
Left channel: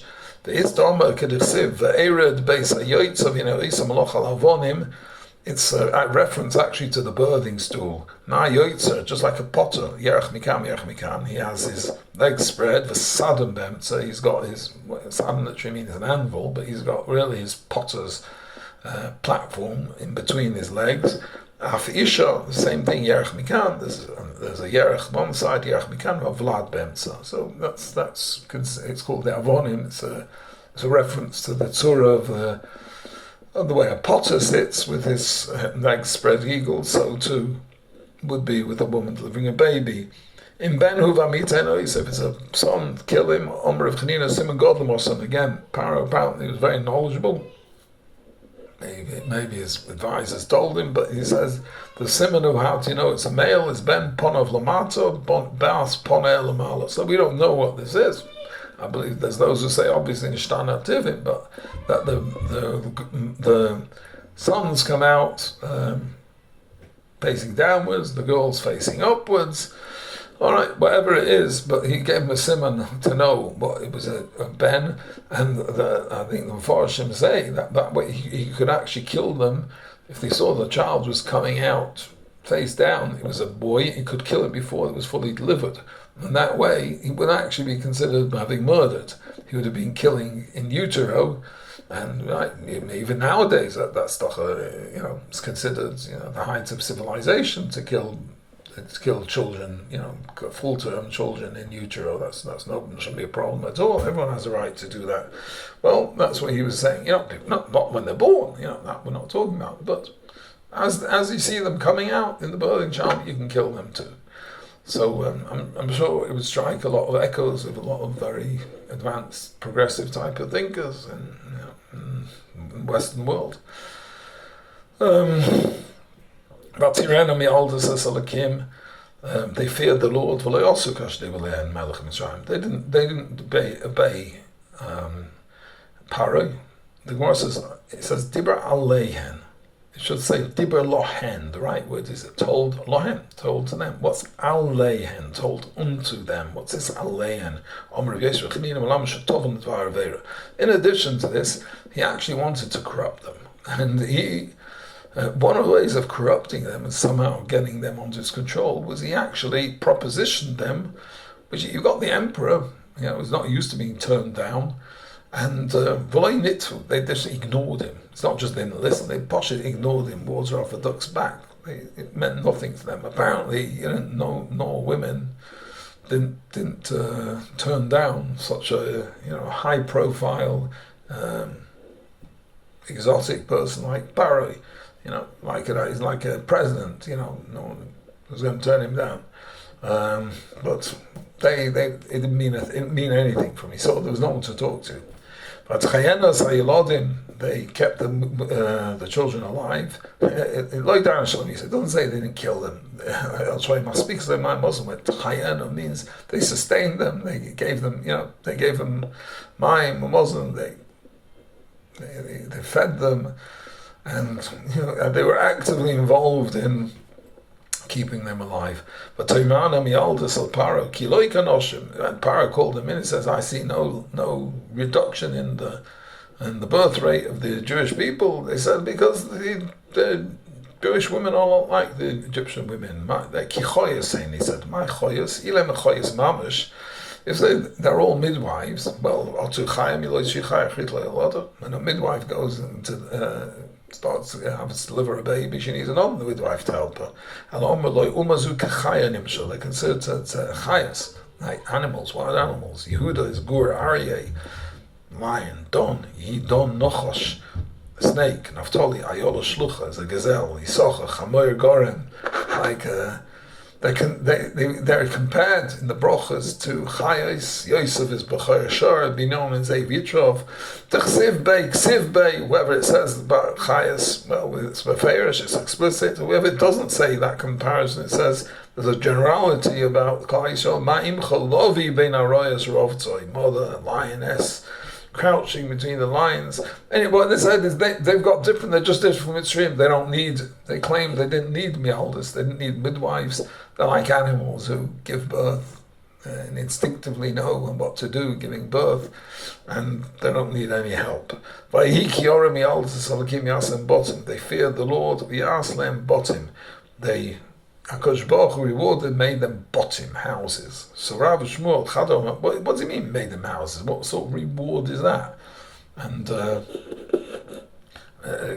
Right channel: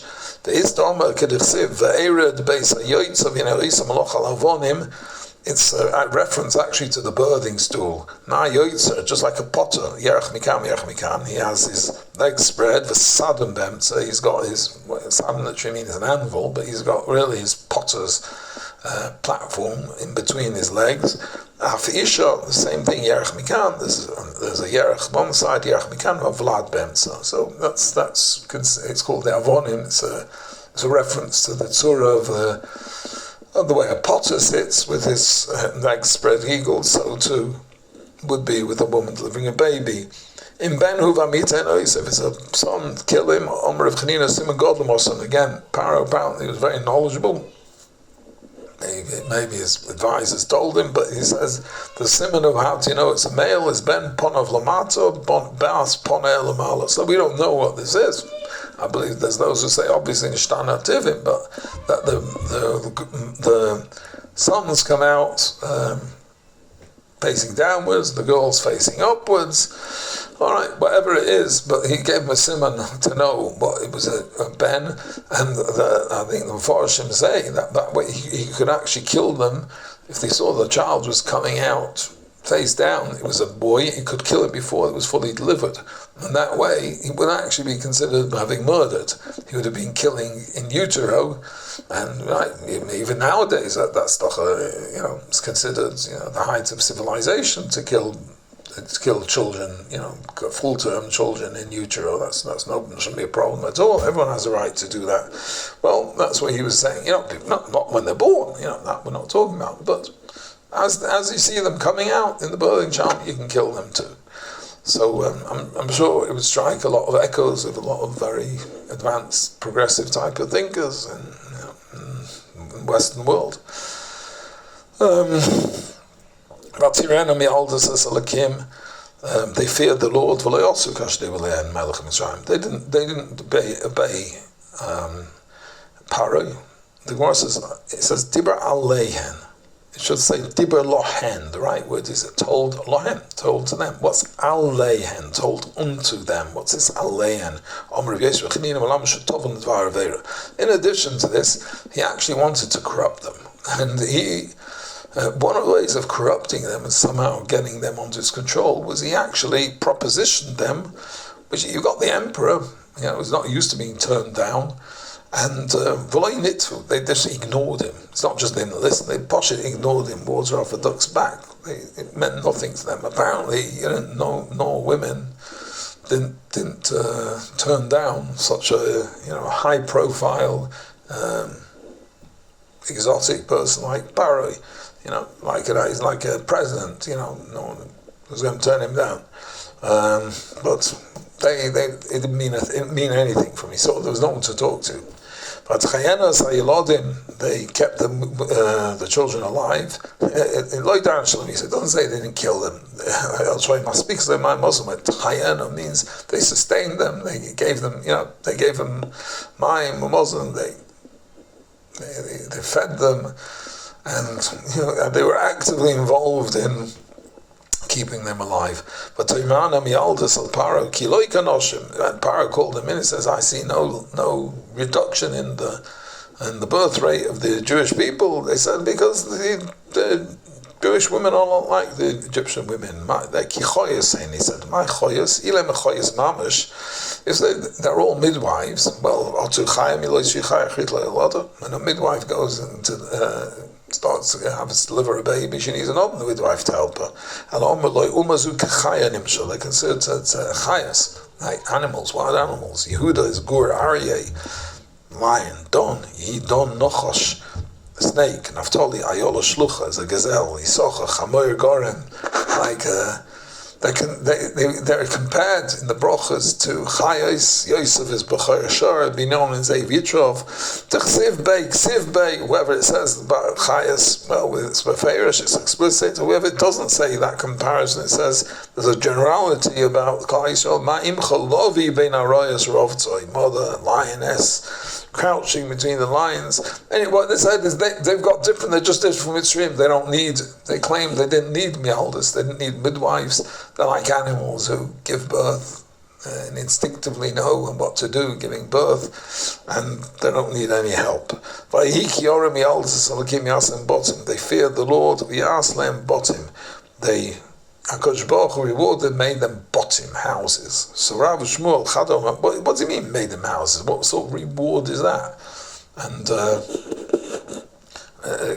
It's a reference actually to the birthing stool. Just like a potter, Yerach Mikam, he has his legs spread, the Sadam Bemtza, he's got his, Sadam literally means an anvil, but he's got really his potter's platform in between his legs. For Isha, the same thing, Yerach Mikam, there's a Yerach one side, Yerach Mikam, a Vlad Bemtza. So it's called the Avonim, it's a reference to the Tzura of the way a potter sits with his legs spread eagle, so too would be with a woman delivering a baby. In Ben Huvamitenos, if it's a son, kill him. Omer of Chanina Simon Godlemoson. Again, Paro apparently was very knowledgeable. Maybe his advisors told him, but he says the simon of how to know it's a male is Ben Ponov Lamato, Bas Ponel Lamala. So we don't know what this is. I believe there's those who say obviously Nishtana Tivim, but that the sons come out facing downwards, the girls facing upwards. All right, whatever it is, but he gave him a simon to know what it was a ben, and I think the Mepharshim say that way he could actually kill them if they saw the child was coming out face down. It was a boy, he could kill it before it was fully delivered. And that way, he would actually be considered having murdered. He would have been killing in utero, and right, even nowadays that stuff, is considered, the height of civilization to kill children, full-term children in utero. That's shouldn't be a problem at all. Everyone has a right to do that. Well, that's what he was saying. Not when they're born. That we're not talking about, but as you see them coming out in the birthing child, you can kill them too. So I'm sure it would strike a lot of echoes of a lot of very advanced, progressive type of thinkers in the Western world. They feared the Lord. They didn't obey Paro. The Gemara says Dibra Aleihen. It should say Dibur Lohen, the right word is told Lohen, told to them. What's Aleihen, told unto them? What's this Aleihen? In addition to this, he actually wanted to corrupt them. And one of the ways of corrupting them and somehow getting them under his control was he actually propositioned them, which you got the emperor, was not used to being turned down. And they just ignored him. It's not just they didn't listen, they ignored him, water off a duck's back. It meant nothing to them. Apparently, no women didn't turn down such a high profile exotic person like Barry. He's like a president, no one was going to turn him down. But it didn't mean anything for me, so there was no one to talk to. But they kept the children alive. In Loidan Shalom, he said, it doesn't say they didn't kill them. I'll show you my speaks to my Muslim. Chayena means they sustained them. They gave them, they gave them mime, Muslim. They fed them, and they were actively involved in keeping them alive. But Toimana mialdus al Paro kiloi kanoshim, and Paro called him in and says, I see no reduction in the birth rate of the Jewish people. They said because the Jewish women are not like the Egyptian women. They're kichoyas, he said. My choyas, ilem choyas mamish. If they're all midwives, well, when a midwife goes into starts to deliver a baby, she needs another midwife to help her. They're considered chayas, like animals, wild animals. Yehuda is gur, aryeh, lion, don, yidon, nochosh, snake. Naphtali, ayola shlucha, is a gazelle, isocha, chamoyer goren, like they're compared in the brachas to Chayos. Yosef is B'chor Shor, be known as Zev Yitrov. Ksiv Bey, whoever it says about Chayos, well, it's Beferish, it's explicit. Whoever it doesn't say that comparison, it says there's a generality about Klal Yisrael. Ma'imcha lovi bein arayos rovtzoi, mother lioness, crouching between the lions. Anyway, what they said is they've got different, they're just different from Mitzrayim. They claim they didn't need mialdus, they didn't need midwives. They're like animals who give birth and instinctively know what to do giving birth, and they don't need any help. They feared the Lord, HaKadosh Baruch Hu rewarded, made them botim, houses. So Rav Shmuel Chadom, what does he mean, made them houses? What sort of reward is that? And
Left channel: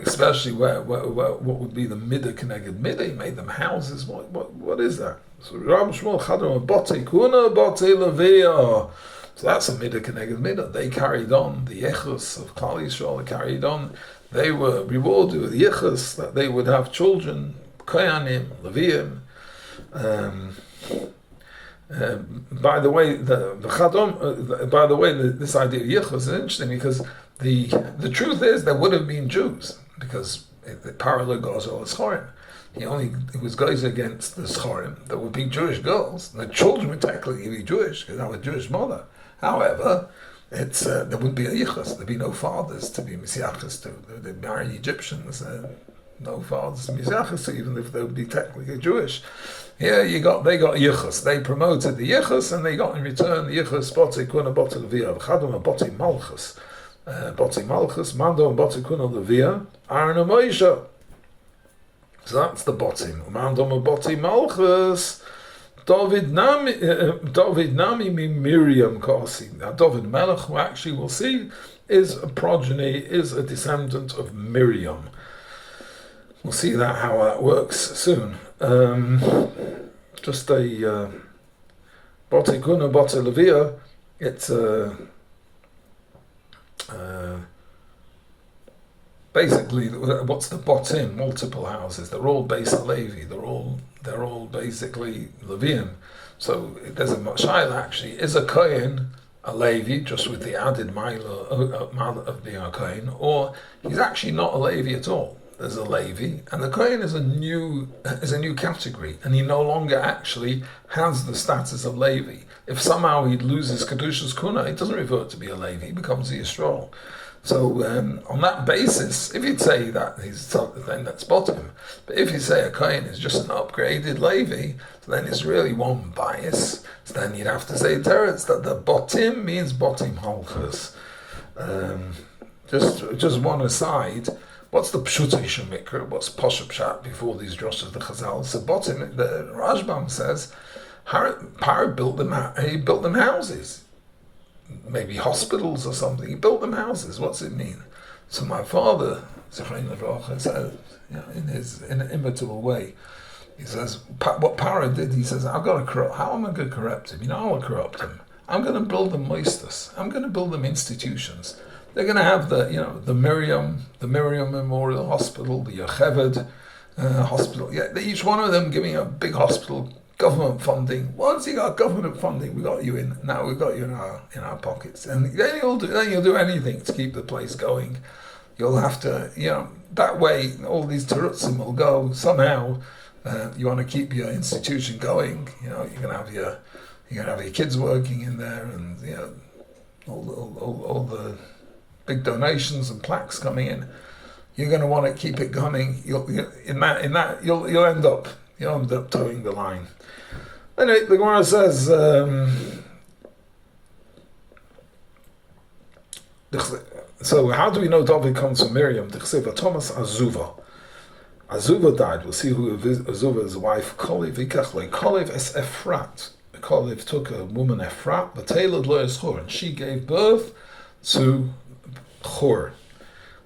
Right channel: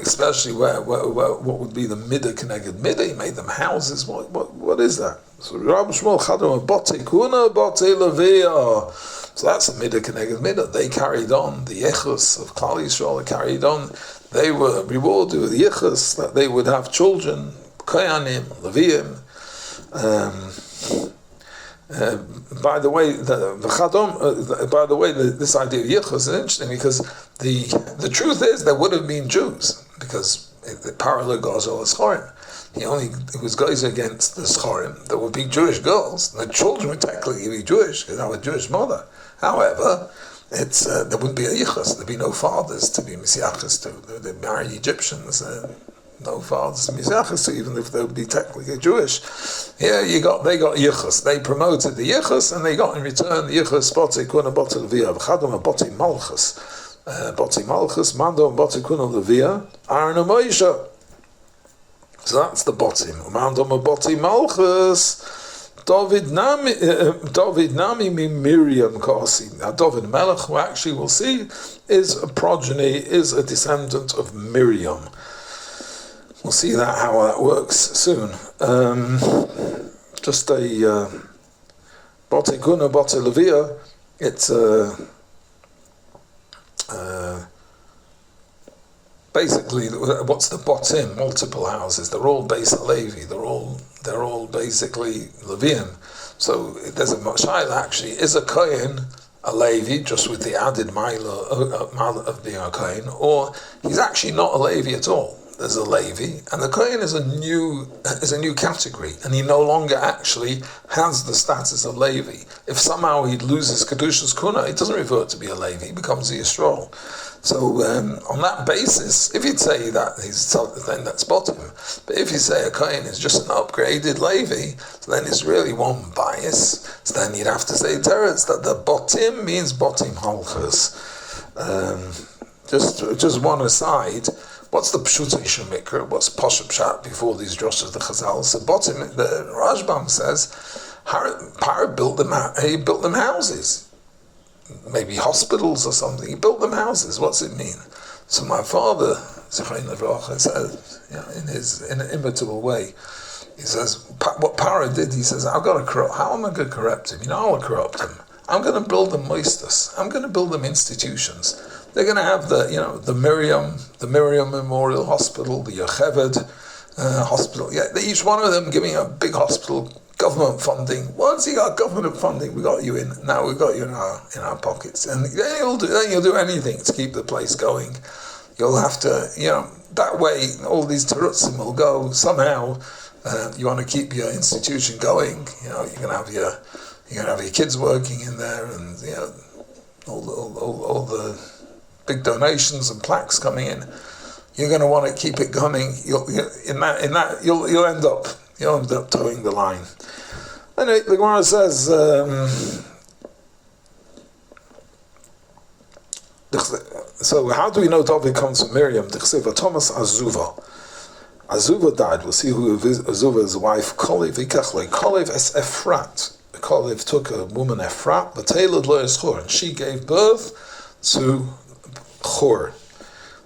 especially what would be the midah connected midah? He made them houses. What is that? So Rav Shmuel Chadom, bote kuna, bote levia. So that's a midah connected midah. They carried on the yichus of Klal Yisrael. They carried on. They were rewarded with the yichus that they would have children. Koyanim, Leviim. By the way, this idea of Yichus is interesting because the truth is there would have been Jews because the parallel goes all Schorim. It was guys against the Schorim. There would be Jewish girls. The children would technically be Jewish because they have a Jewish mother. However, there wouldn't be a Yichus. There'd be no fathers to be Messiachas to. They'd marry Egyptians. No fathers to Mizrachas, even if they would be technically Jewish. Here they got Yichus. They promoted the Yichus, and they got in return the Yichus, Botei Kuna Botei Levia, V'chadom Botei Malchus. Botei Malchus, Mandom Botei Kuna Levia, Aaron and Moshe. So that's the Botim. Mandom Botei Malchus, David Nami Miriam Kasi. Now David Melech, who actually we'll see, is a descendant of Miriam. We'll see how that works soon. Just a Bote Kuna, Bote Levia. It's basically what's the Botim? Multiple houses. They're all Beis Levi. They're all basically Leviim. So there's a Moshe actually is a Kohen, a Levi, just with the added mile of being a Kohen, or he's actually not a Levi at all. There's a Levi, and the Kohen is a new category, and he no longer actually has the status of Levi. If somehow he loses Kedushas Kuna, it doesn't revert to be a Levi, he becomes a Yisrael. So on that basis, if you'd say that then that's bottom. But if you say a Kohen is just an upgraded Levi, so then it's really one bias. So then you'd have to say teretz that the botim means botim halchas. Just one aside. What's the Pshutei Shemikra? What's Pasha Pshat before these drushes, the Chazal? So bottom, the Rashbam says, Par built them houses. Maybe hospitals or something. He built them houses. What's it mean? So my father, Zichron Livracha, says, in an imitable way, he says, what Para did, he says, how am I going to corrupt him? I'll corrupt him. I'm going to build them moistus. I'm going to build them institutions. They're going to have the Miriam Memorial Hospital, the Yocheved Hospital. Yeah, each one of them giving a big hospital government funding. Once you got government funding, we got you in. Now we've got you in our pockets, and then you'll do anything to keep the place going. You'll have to, that way all these terutzim will go somehow. You want to keep your institution going. You're gonna have your kids working in there, and all the big donations and plaques coming in. You're going to want to keep it going. You'll end up towing the line. Anyway, the Gemara says. So how do we know David comes from Miriam? Thomas Azuva. Azuva died. We'll see who Azuva's wife. Kolev es Efrat. Kolev took a woman Efrat, but Taylor lo Chor, and she gave birth to Chor.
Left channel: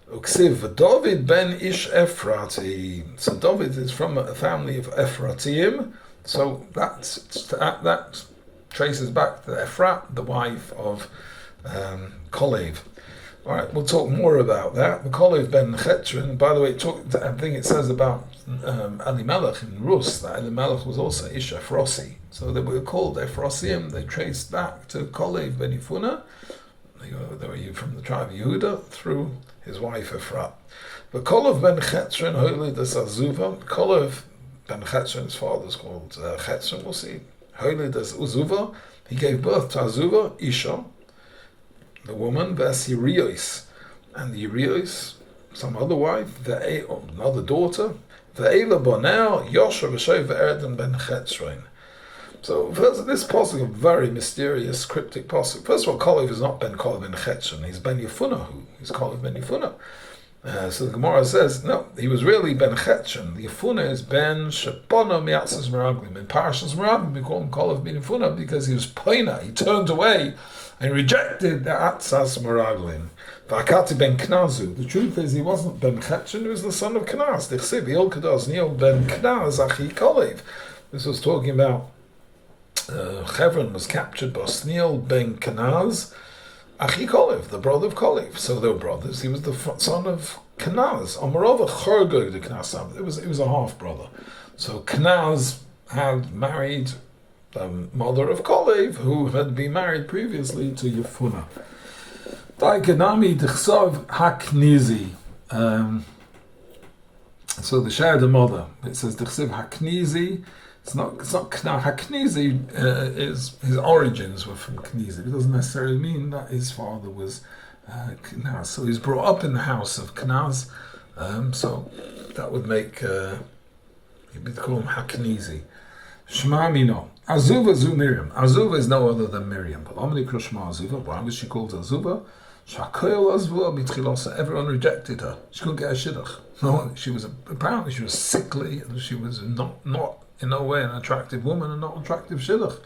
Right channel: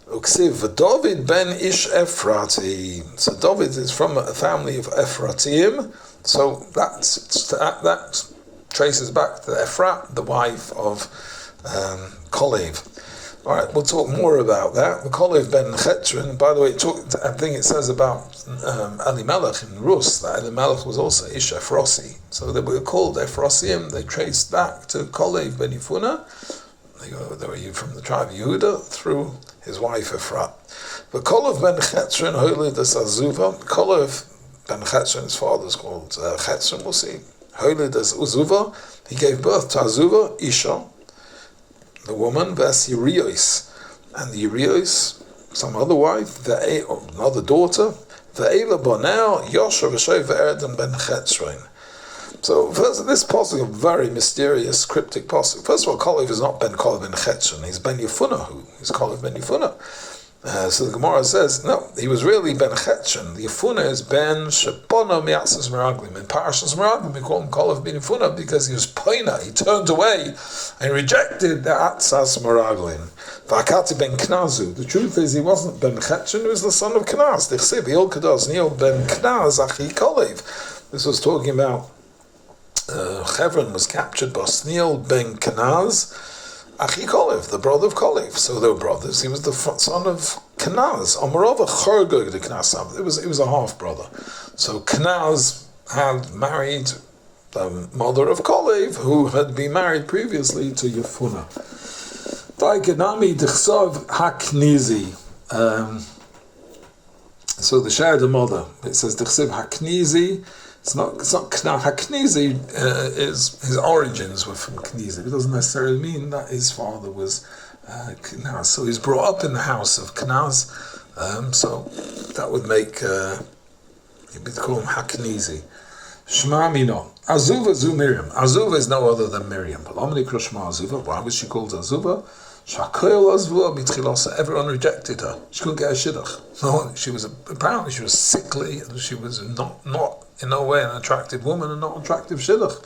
David ben Ish Efrati. So David is from a family of Ephratim. So that traces back to Ephrat, the wife of Kolev. All right, we'll talk more about that. The Kolev ben Chetron, by the way, I think it says about Elimelech in Rus, that Elimelech was also Ish Ephrosi. So they were called Ephrosim. They traced back to Kolev ben Yifuna. They were from the tribe of Yehuda through his wife Ephrat. But Kolev ben Chetron, Hoylid as Azuva. Kolev ben Chetron, his father's called Chetron, we'll see. Hoylid as Azuva. He gave birth to Azuva, Isha, the woman, Ves Yirios, and the Yirios, some other wife, another daughter, Ve'ela Bonel, Yosha V'Shoi Ve'erden ben Chetron. So first, this pasuk, a very mysterious, cryptic pasuk. First of all, Kolev is not Ben Kolev ben Chetron, he's Ben Yefuna, he's Kolev ben Yefuna. So the Gemara says, no, he was really Ben Chetron. The Yefuna is Ben Shepona Miatzas Meraglim. In Parashas Meraglim, we call him Kolev ben Yefuna because he was Poina, he turned away and rejected the Atzas Meraglim. V'akati ben Knazu. The truth is, he wasn't Ben Chetron, he was the son of Knaz. Dichsiv, Yol Kadoz, Niel ben Knaz, Achi Kolev. This was talking about Chevron was captured by Sneal ben Kenaz, Achi Kolev, the brother of Kolev. So they were brothers. He was the son of Kenaz. Omarova Chorgog the Knasav. It was a half brother. So Kenaz had married the mother of Kolev, who had been married previously to Yefuna. Daikanami Dechsav Haknizi. So the shared mother. It says Dechsav Haknizi. It's not Haknizi is his origins were from Knizi. It doesn't necessarily mean that his father was Knaz. So he's brought up in the house of Knaz. So that would make you'd call him Haknizi. Shema Mino. Azuva zu Miriam. Azuva is no other than Miriam. But Omni Krushma Azuva. Why was she called Azuva? Everyone rejected her. She couldn't get a shidduch. No, apparently she was sickly, and she was not in no way an attractive woman and not attractive shidduch.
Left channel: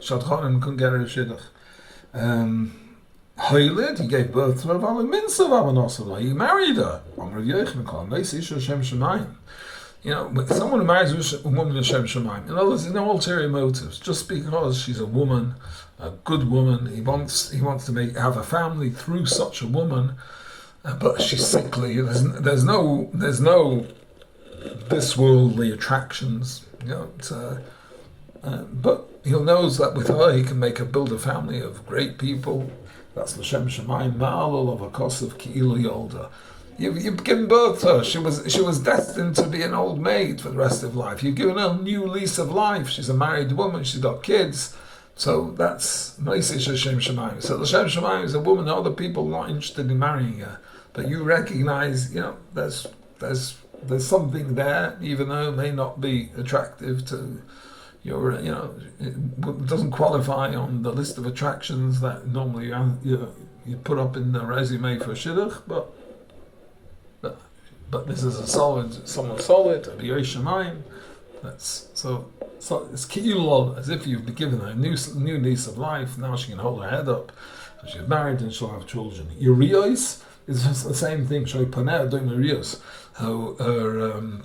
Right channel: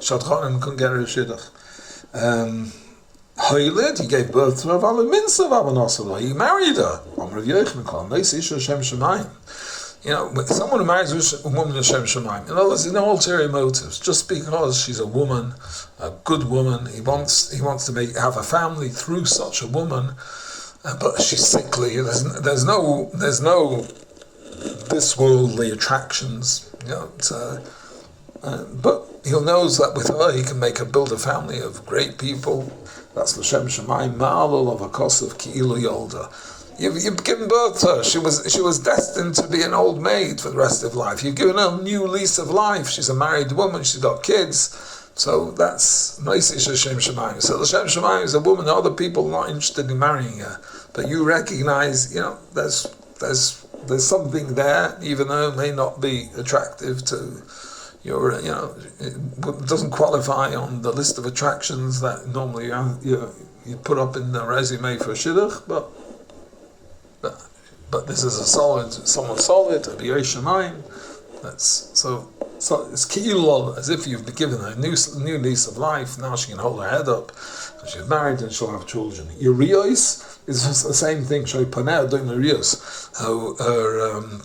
Shadchanim couldn't get her a shidduch. Hoylid, he gave birth to her. He married her. Someone who marries a woman Hashem Shemaim. In other words, there's no ulterior motives. Just because she's a woman, a good woman, he wants to have a family through such a woman, but she's sickly. There's no this worldly attractions. But he knows that with her he can build a family of great people. That's L'Shem Shemaim Ma'alol of a Kosav Ki'ilu Yolda. You've given birth to her. She was destined to be an old maid for the rest of life. You've given her a new lease of life. She's a married woman. She's got kids. So that's Noisish Hashem Shemaim. So Hashem Shemaim is a woman. Other people are not interested in marrying her, but you recognize, there's something there, even though it may not be attractive to your, it doesn't qualify on the list of attractions that normally you put up in the resume for shidduch, but this is someone solid, a B'yei Shemayim. That's so it's ki'ilol, as if you've been given her a new lease of life. Now she can hold her head up, and she's married and she'll have children. Yirios is just the same thing. Her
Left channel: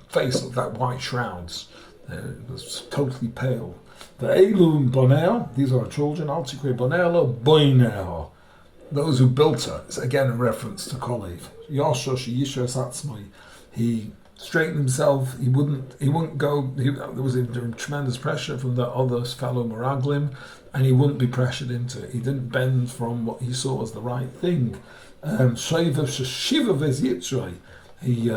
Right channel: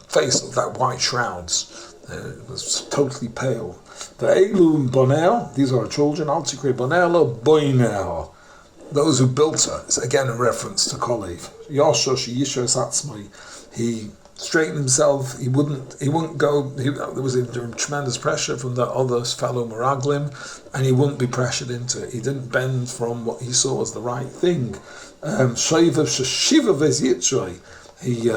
face with that white shrouds. It was totally pale. The Elum Bonel, these are her children. Altikre Bonelo Boinel. Those who built her. It's again a reference to Kolev. Yashosh Yishos Atzmai. He straighten himself. He wouldn't go. There was a tremendous pressure from the other fellow Meraglim, and he wouldn't be pressured into it. He didn't bend from what he saw as the right thing. Shiva ves Yitzray. He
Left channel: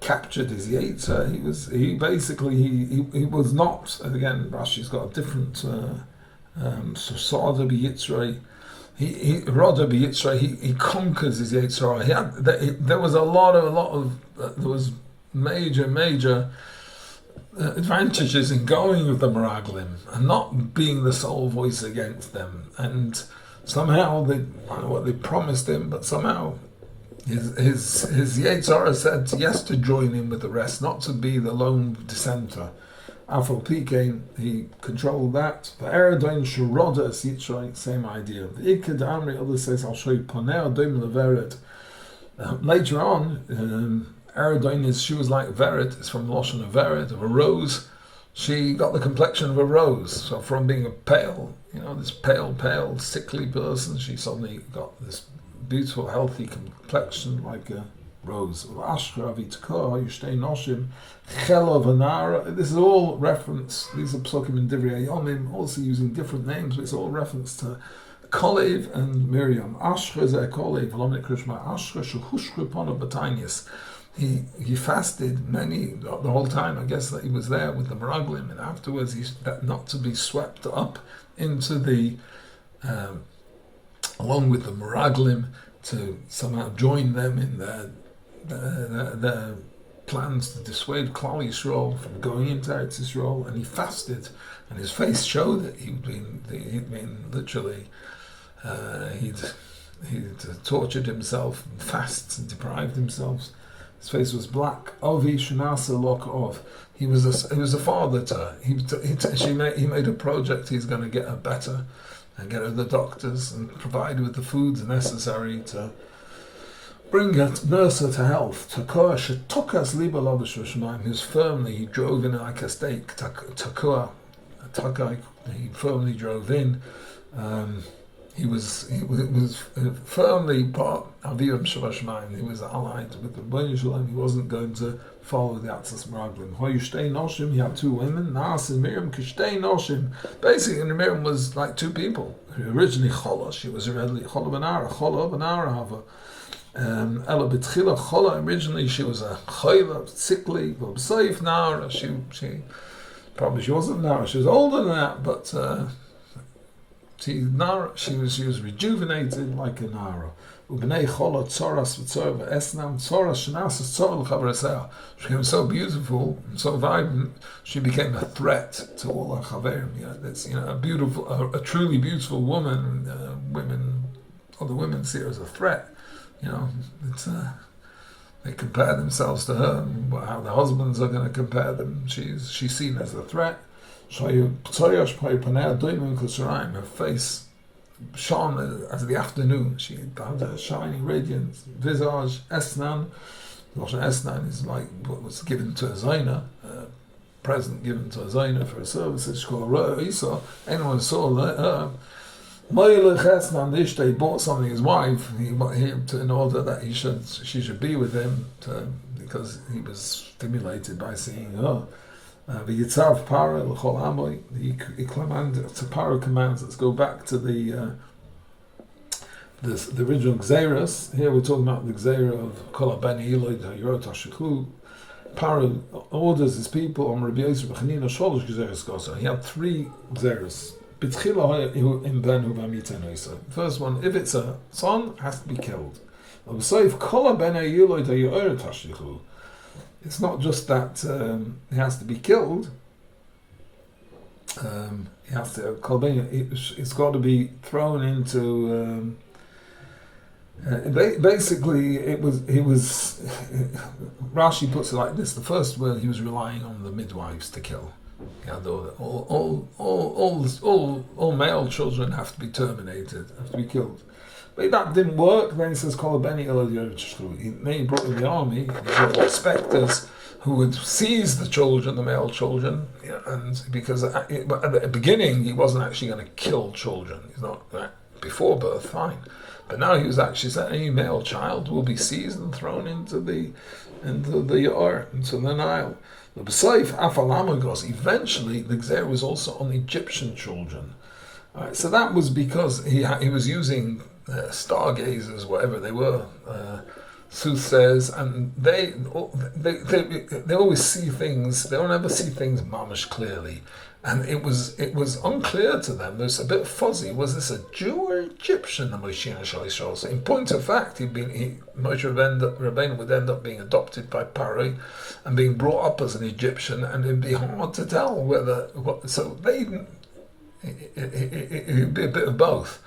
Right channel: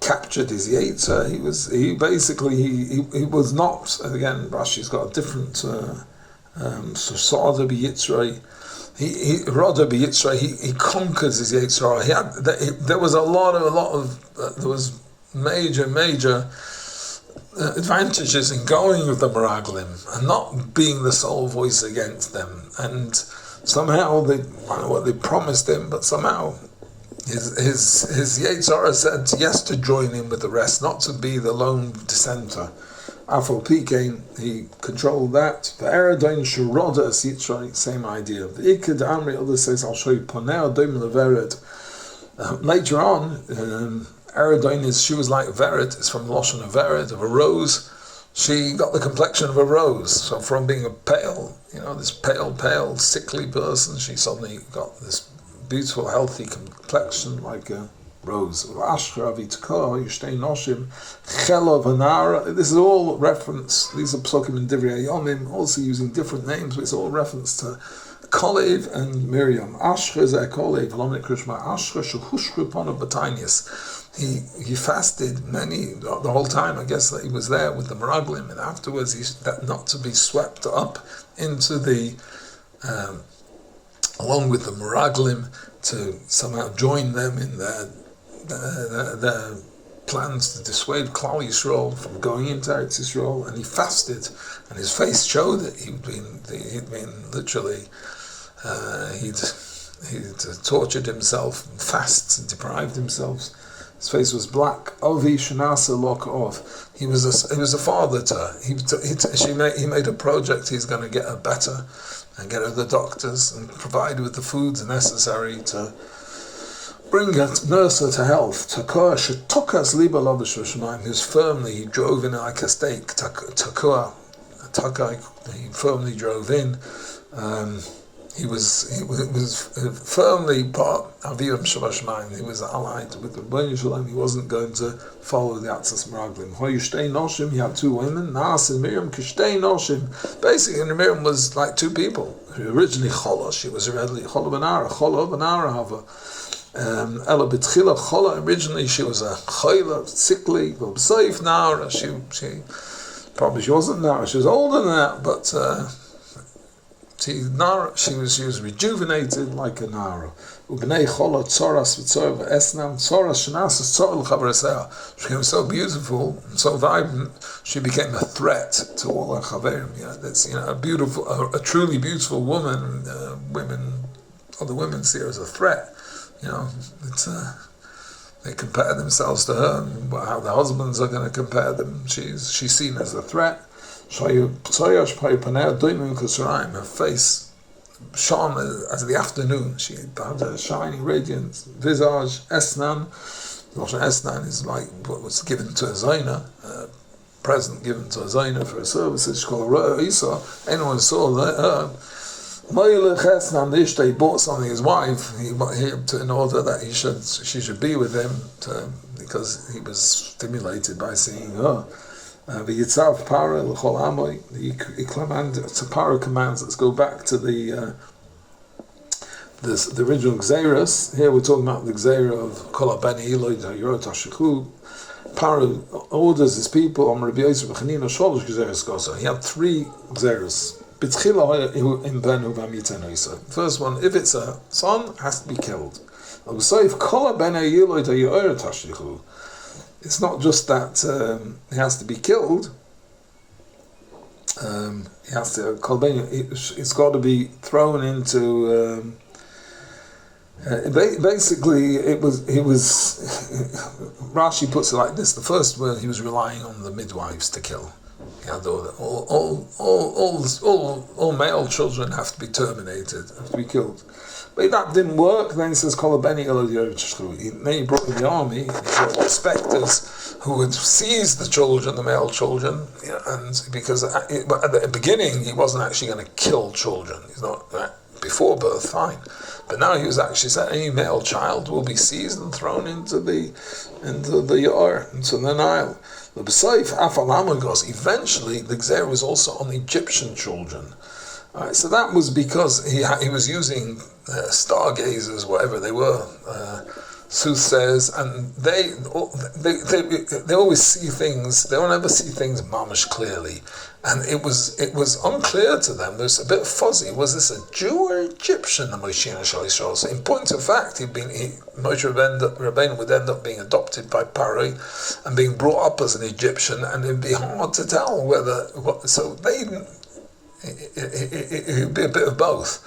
captured his Yetzer. He was not, again, Rashi's got a different Sosada b'Yitzray. He conquers his Yetzer. There was major advantages in going with the Meraglim and not being the sole voice against them. And somehow I don't know what they promised him, but somehow his Yetzirah said yes to join in with the rest, not to be the lone dissenter. Afro Pikein, he controlled that. The Eredain Sharoda Yitzray, same idea. The Ikad Amri, others says, I'll show you Poneo Doim Leveret. Later on, Eredain she was like Veret, it's from Lashon of Veret, of a rose. She got the complexion of a rose. So from being a pale, this pale, sickly person, she suddenly got this beautiful, healthy complexion like a rose. This is all reference. These are psukim in Divrei Yomim, also using different names, but it's all reference to Kolev and Miriam. Ashra is a Kolev, Lomnik Krishma. Ashra shuhushru panav b'tainis. He fasted the whole time. I guess that he was there with the Meraglim, and afterwards that not to be swept up into the along with the Meraglim, to somehow join them in their plans to dissuade Klal Yisrael from going into Eretz Yisrael. And he fasted, and his face showed that he'd been literally he'd tortured himself and fasted and deprived himself. His face was black. Ovi shenasa lok of. He was a father to her. He made a project. He's going to get her better and get her the doctors and provide with the foods necessary to bring her, nurse her to health. Who's firmly, he drove in like a stake. He firmly drove in. He was firmly part of Aviram Shabashmaim. He was allied with the Rebbeinu Shalom. He wasn't going to follow the Atzas Meraglim. He had two women, Naas and Miriam, Kishtei Noshim. Basically, Miriam was like two people. Originally Chola, she was originally Chola Benara Hava. Ella B'tchila Chola, originally she was a Chayla, sickly, Saif Nara. She wasn't Nara, she was older than that, but she was rejuvenated like a Nara. Ubnei Chola Tzoras V'Tzor V'Esnam Tzoras Shenasas Tzor L'Chavresea. She became so beautiful and so vibrant. She became a threat to all her chaverim. That's a truly beautiful woman. Other women see her as a threat. They compare themselves to her, and how the husbands are going to compare them. She's seen as a threat. Her face shone as the afternoon. She had a shining radiance, visage, esnan. Esnan is like what was given to a Zaina, present given to a Zaina for her services. She called her Isa. Anyone saw that he bought something his wife in order that she should be with him because he was stimulated by seeing her. The Yitzav Para L'chol Amoy, the Para commands. Let's go back to the original Gzeiras. Here we're talking about the Gzeira of Kol HaBeni Eloi Yorot HaShechu. Para orders his people on Rabbi Yosef B'Chanina Sholosh Gzeiras Gosa. He had three Gzeiras. B'tchila in Ben Huvam Yitenoisa. First one, if it's a son, has to be killed. If Kol HaBeni Eloi Yorot HaShechu. It's not just that he has to be killed. He has to it's got to be thrown into. Basically, it was. Rashi puts it like this: the first word, he was relying on the midwives to kill. He had all male children have to be terminated, have to be killed. But that didn't work. Then he says, then he brought in the army, he brought inspectors who would seize the children, the male children, and because at the beginning he wasn't actually going to kill children. He's not before birth, fine. But now he was actually said any male child will be seized and thrown into the Yar, into the Nile. The B'Saif Afalamagos, eventually the Gzera was also on Egyptian children. Alright, so that was because he was using stargazers, whatever they were, soothsayers, and they always see things. They don't ever see things mamish clearly, and it was unclear to them. It was a bit fuzzy. Was this a Jew or Egyptian? So in point of fact, Moshe Rabbeinu would end up being adopted by Paro and being brought up as an Egyptian, and it'd be hard to tell whether. It would be a bit of both.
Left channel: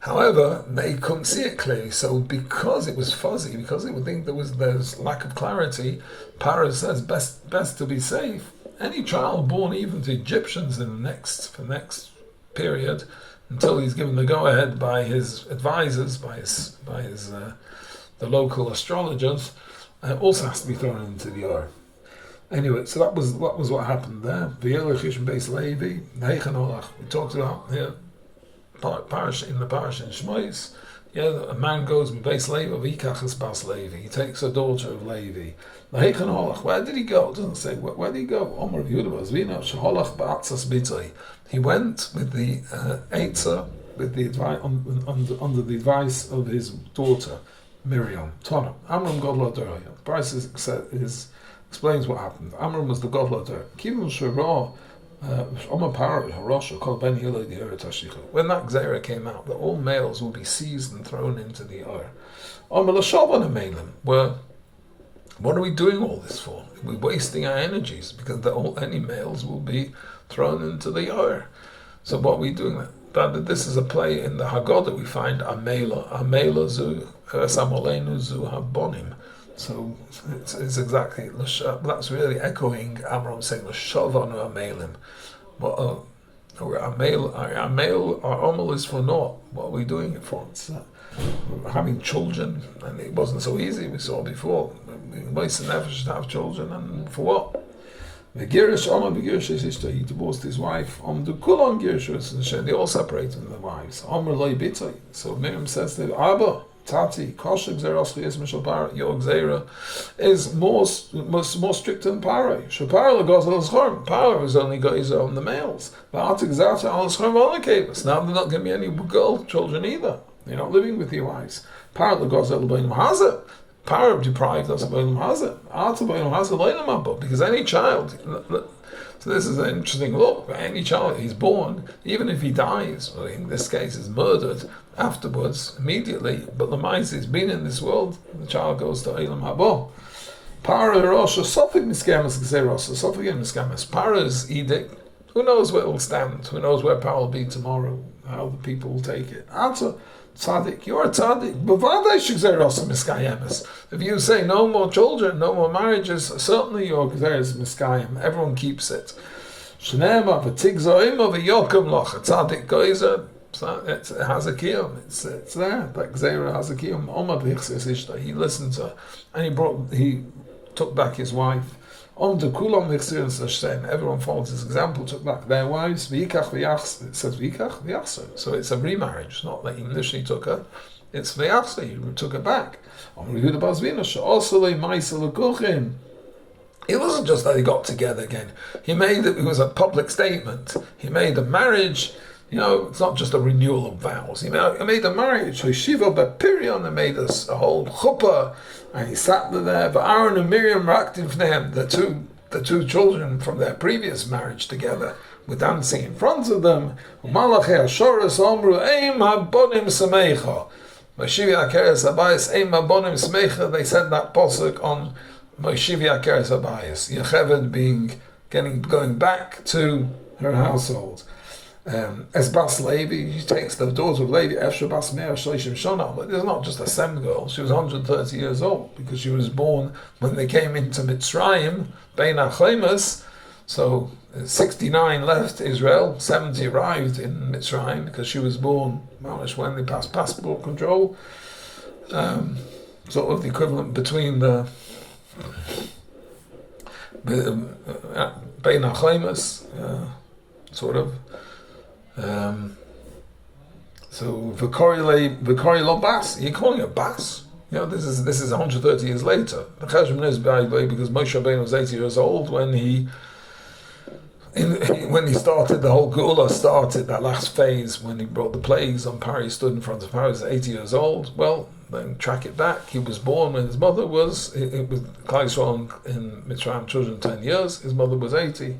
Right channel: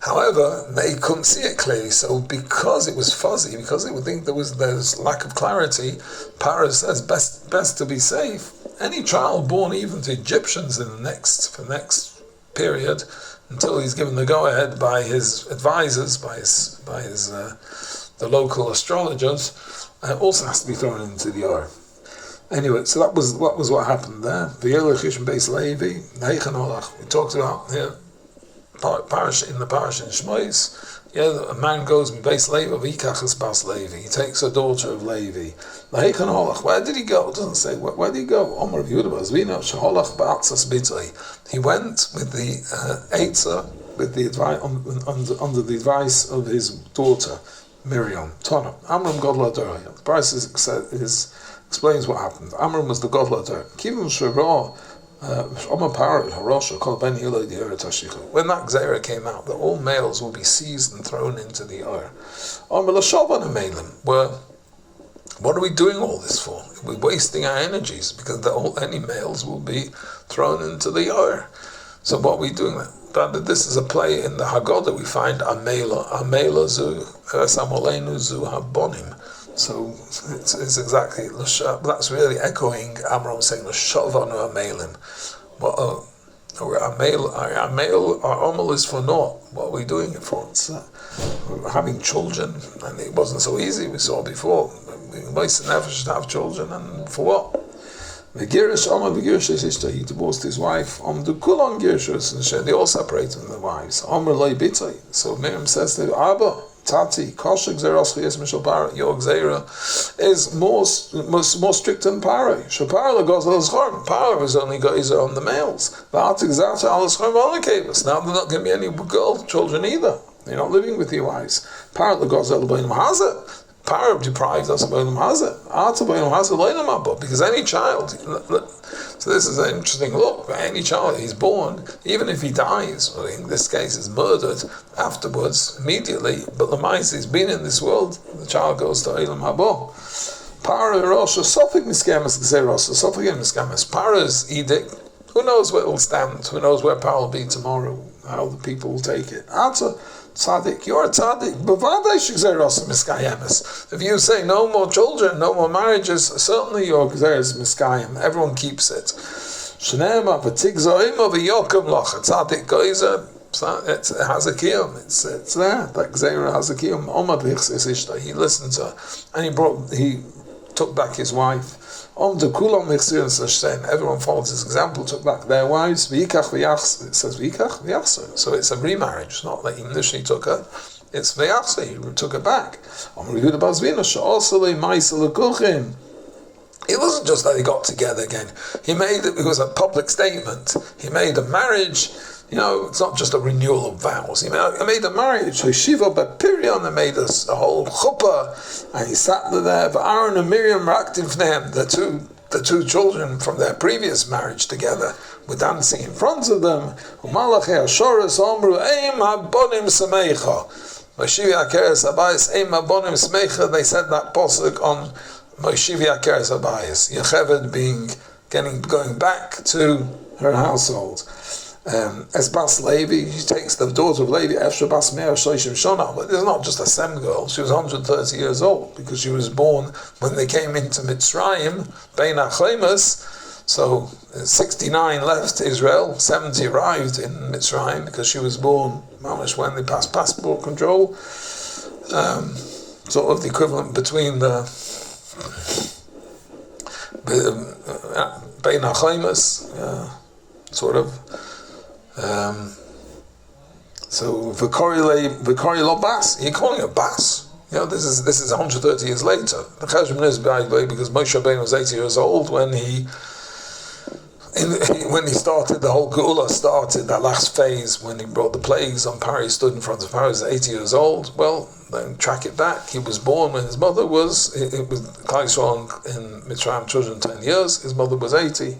However, they couldn't see it clearly, so because it was fuzzy, because they would think there's lack of clarity, Paro says best to be safe. Any child born even to Egyptians for the next period, until he's given the go-ahead by his advisors, by the local astrologers, also has to be thrown into the Or. Anyway, so that was what happened there. We talked about here. In the parish in Shmois, a man goes in Beis Levi, v'yikachas bas Levi. He takes a daughter of Levi. Where did he go? It doesn't say where did he go. Omer He went with the Eitzah, with the advice under the advice of his daughter Miriam. Tana Amram Godla Dor. The price explains what happened. Amram was the Godla Dor. Kivim Shirah. When that Gzera came out, that all males will be seized and thrown into the Or. What are we doing all this for? We're wasting our energies because any males will be thrown into the Or. So what are we doing? But this is a play in the Haggadah we find Amela zu Samolenu zu Habonim. So it's exactly, that's really echoing Amram saying, L'shavanu Amelim. Well, our Omal is for naught. What are we doing it for? It's having children, and it wasn't so easy, we saw before. Most never should have children, and for what? He divorced his wife. They all separated from the wives. So Miriam says to Abba, Tati, your Gzera is more strict than Paro. Paro was only Geyser on the males. Now they're not going to be any girl children either. They're not living with your wives. Paro deprived us of because any child. So this is an interesting look. Any child he's born, even if he dies, or in this case is murdered afterwards, immediately, but the mind he's been in this world, the child goes to Eilam Habo. Paro's edict, who knows where it will stand, who knows where Paro will be tomorrow, how the people will take it. Answer. Tzaddik, you're a tzaddik. If you say no more children, no more marriages, certainly your gzera is miskayim. Everyone keeps it. Tzaddik geyser, it has a kiyum. It's there. That gzera has a kiyum. He listened to her, and he took back his wife. Everyone followed his example, took back their wives. It says so it's a remarriage. It's not that he initially took her, it's v'yachse, he took her back. It wasn't just that they got together again. It was a public statement. He made a marriage. It's not just a renewal of vows. He made a marriage. So Shiva Bapirion, they made us a whole chuppah, and he sat there. But Aaron and Miriam were acting for them. The two children from their previous marriage together were dancing in front of them. They said that pasuk on Moshivi Akeres Abayis. Yocheved going back to her household. As Bas Levi, she takes the daughter of Levi, Efsha Bas Meir Shoshim Shona, but it's not just a Sem girl, she was 130 years old, because she was born when they came into Mitzrayim, Bein HaChemes, so 69 left Israel, 70 arrived in Mitzrayim, because she was born when they passed passport control, sort of the equivalent between the Bein HaChemes, sort of. So Vikori lo bas. You're calling it bas. This is 130 years later. The Cheshbon is because Moshe Rabbeinu was 80 years old when he started, the whole Geula started, that last phase when he brought the plagues on Paro. He stood in front of Paro, he was 80 years old. Well, then track it back. He was born when his mother was, it was Klal Yisrael in Mitzrayim, children 10 years, his mother was 80.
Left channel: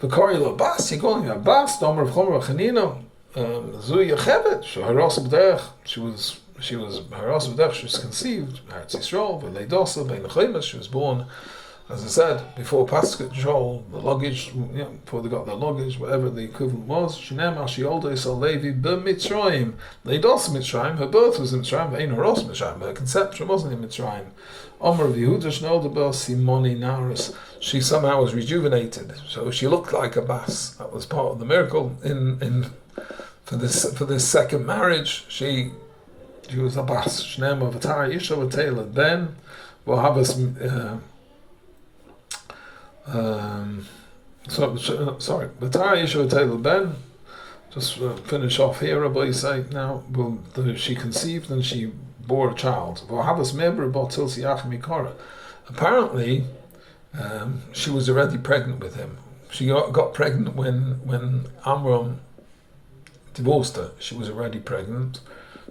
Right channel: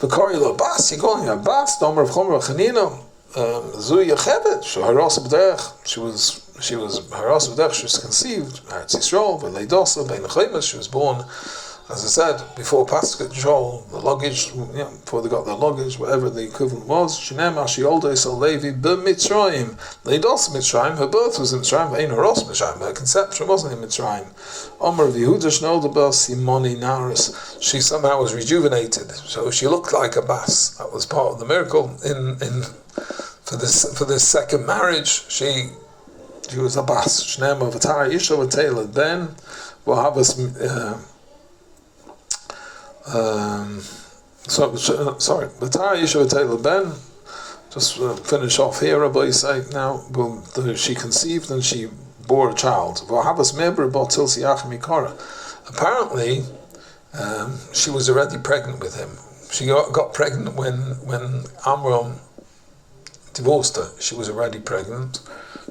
V'kori lo bas, you're calling her bas, Domer of Chomer Chanina, Zu Yechevet, Haras B'derech, she was Haras B'derech, she was conceived, Eretz Yisrael, V'leidosa, Bein Achimas, she was born, as I said, before passenger control, the luggage, before they got their luggage, whatever the equivalent was, Shinem Ashi Olde Sol Levi B'Mitzrayim, Leidos Mitzrayim, her birth was in Mitzrayim, Ein Haros Mitzrayim, her conception wasn't in Mitzrayim. Omer of Yehuda Shnodabel Simoni Naris, she somehow was rejuvenated, so she looked like a bas. That was part of the miracle. For this second marriage, she was a bas. Shnem of Atara Isha V'Teilad Ben, will have us. V'Tara Isha V'Teilad Ben. Just finish off here. Rabbi say now. She conceived and she bore a child. Apparently, she was already pregnant with him. She got pregnant when Amram divorced her. She was already pregnant.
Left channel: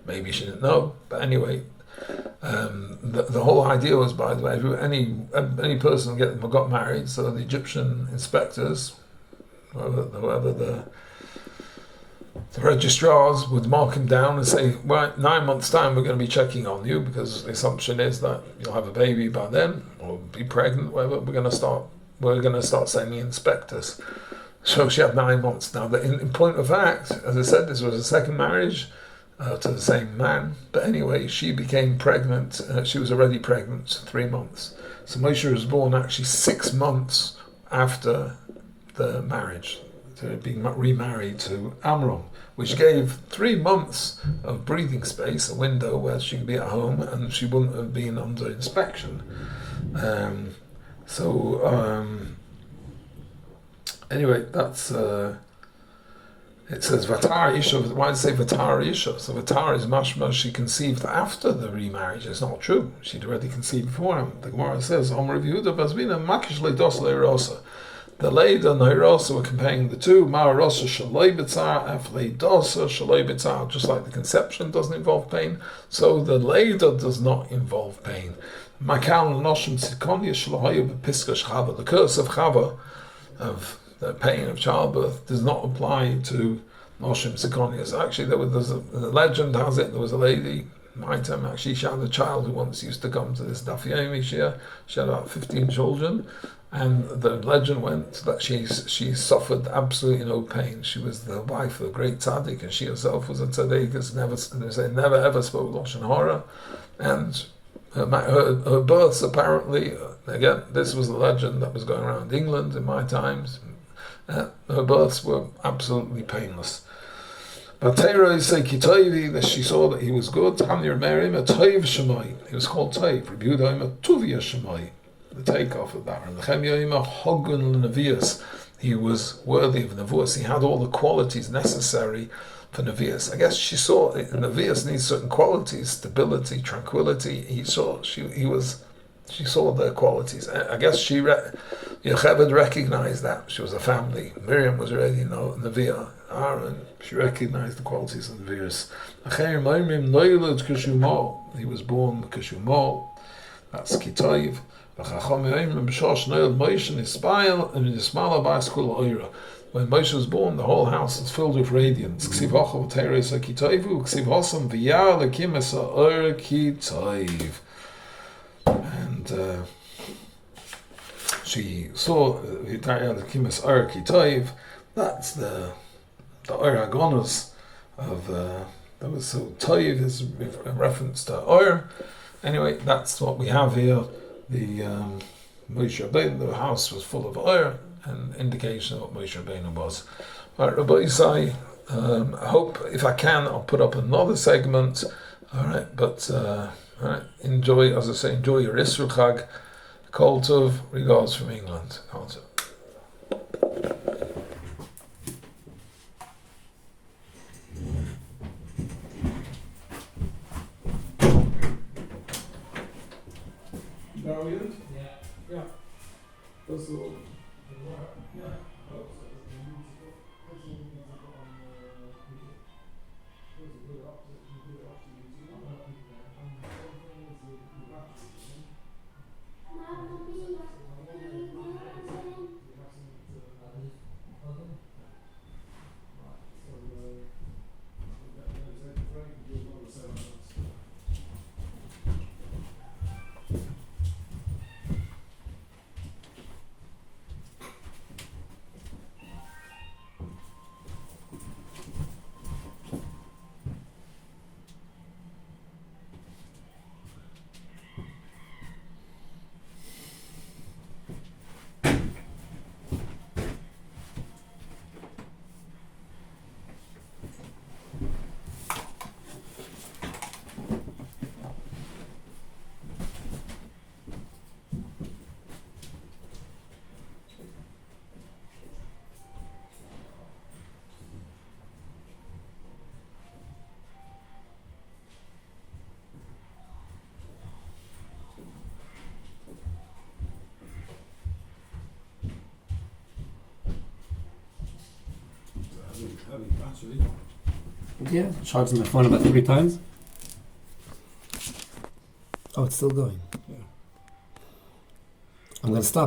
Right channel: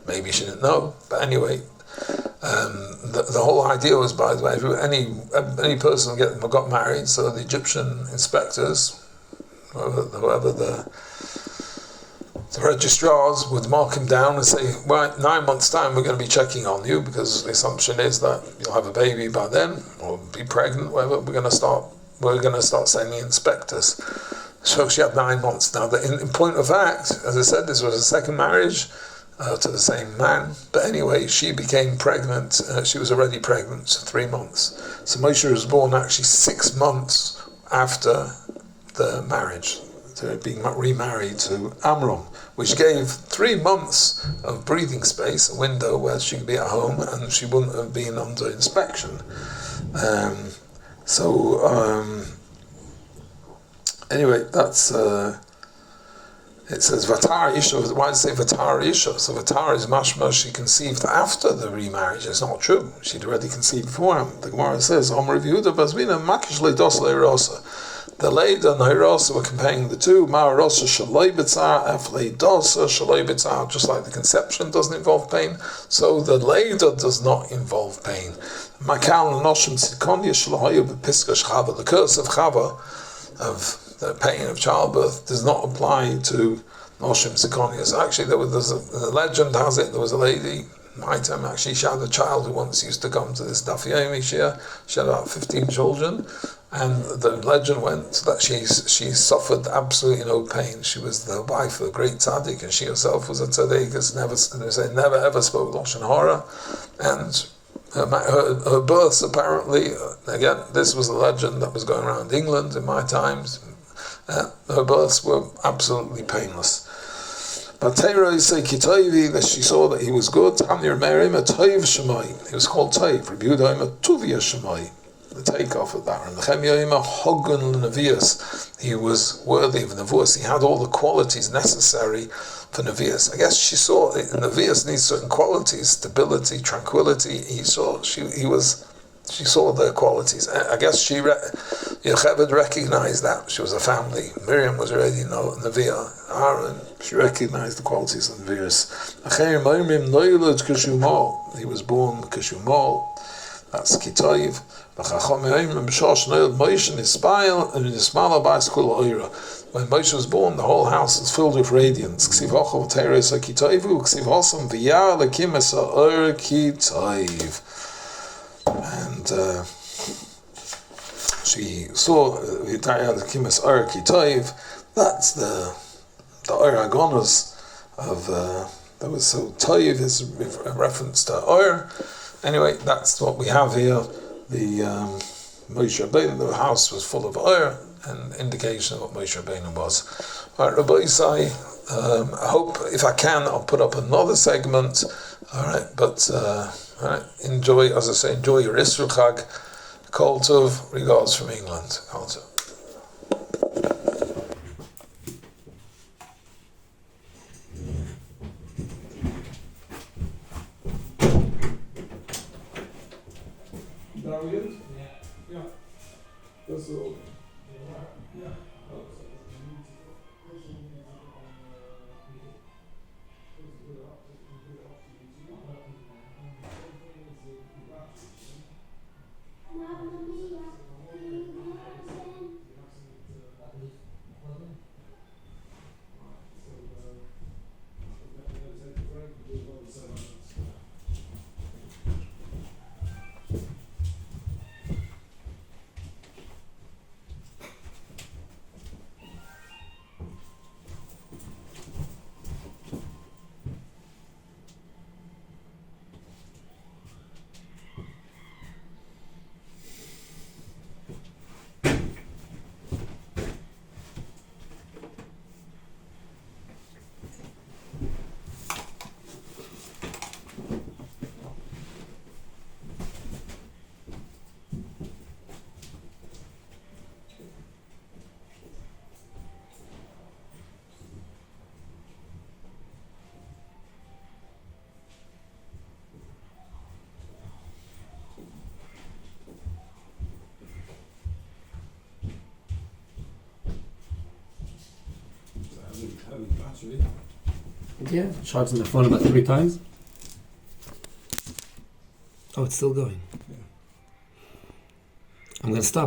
Maybe she didn't know, but anyway, the whole idea was, by the way, any person got married, so the Egyptian inspectors, whoever the registrars would mark him down and say, right, 9 months' time we're going to be checking on you, because the assumption is that you'll have a baby by then, or be pregnant, whatever. We're going to start sending inspectors. So she had 9 months. Now, in point of fact, as I said, this was a second marriage to the same man. But anyway, she became pregnant. She was already pregnant, 3 months. So Moshe was born actually 6 months after the marriage, to being remarried to Amram, which gave 3 months of breathing space, a window where she could be at home and she wouldn't have been under inspection. Anyway, that's it says Vatar Isha. Why does it say Vatar Isha? So Vatar is mashma, she conceived after the remarriage. It's not true. She'd already conceived before him. The Gemara says Omer Yehuda Bazmina Makish Leidos Leirosa. The Leid and the Hirosa were comparing the two. Ma'arosa Shaloi B'tzar, F Leidosa Shaloi B'tzar. Just like the conception doesn't involve pain, so the Leida does not involve pain. Makal Noshim Sikonia Shalohayu B'Piska Shchava. The curse of Chava, of the pain of childbirth, does not apply to Noshim Sikonius. Actually, the legend has it, there was a lady, my time actually, she had a child who once used to come to this Daf Yomi Shia. She had about 15 children, and the legend went that she suffered absolutely no pain. She was the wife of a great tzaddik, and she herself was a tzaddik, never ever spoke Lashon Hara, and her births, apparently, again, this was a legend that was going around England in my times, her births were absolutely painless. But Teira say Kitoivi, that she saw that he was good. Tamir Merim a Toiv Shemai. He was called Toiv. Rebudaim a Tuvia Shemai. The takeoff of that. And the Chemioim a Hogun Nevius. He was worthy of Nevuas. He had all the qualities necessary for Nevius. I guess she saw Nevius needs certain qualities: stability, tranquility. She saw their qualities. I guess Yocheved recognized that. She was a family. Miriam was already Neviah. Aaron, she recognized the qualities of Nevius. He was born Kishumal. That's Kitoiv. When Moshe was born, the whole house was filled with radiance. And she saw that's the Oir Agonos of that was so Toiv is a reference to Oir. Anyway, that's what we have here. The Moshe Rabbeinu, the house was full of Oir, an indication of what Moshe Rabbeinu was. All right, Rabbi Isai, I hope if I can I'll put up another segment. All right, but all right, enjoy, as I say, enjoy your Isra Chag. Kol Tov, regards from England. Kol Tov. variant? Yeah. That's all. Yeah. Heavy battery. Yeah, charging the phone about 3 times. Oh, it's still going. Yeah. I'm going to stop.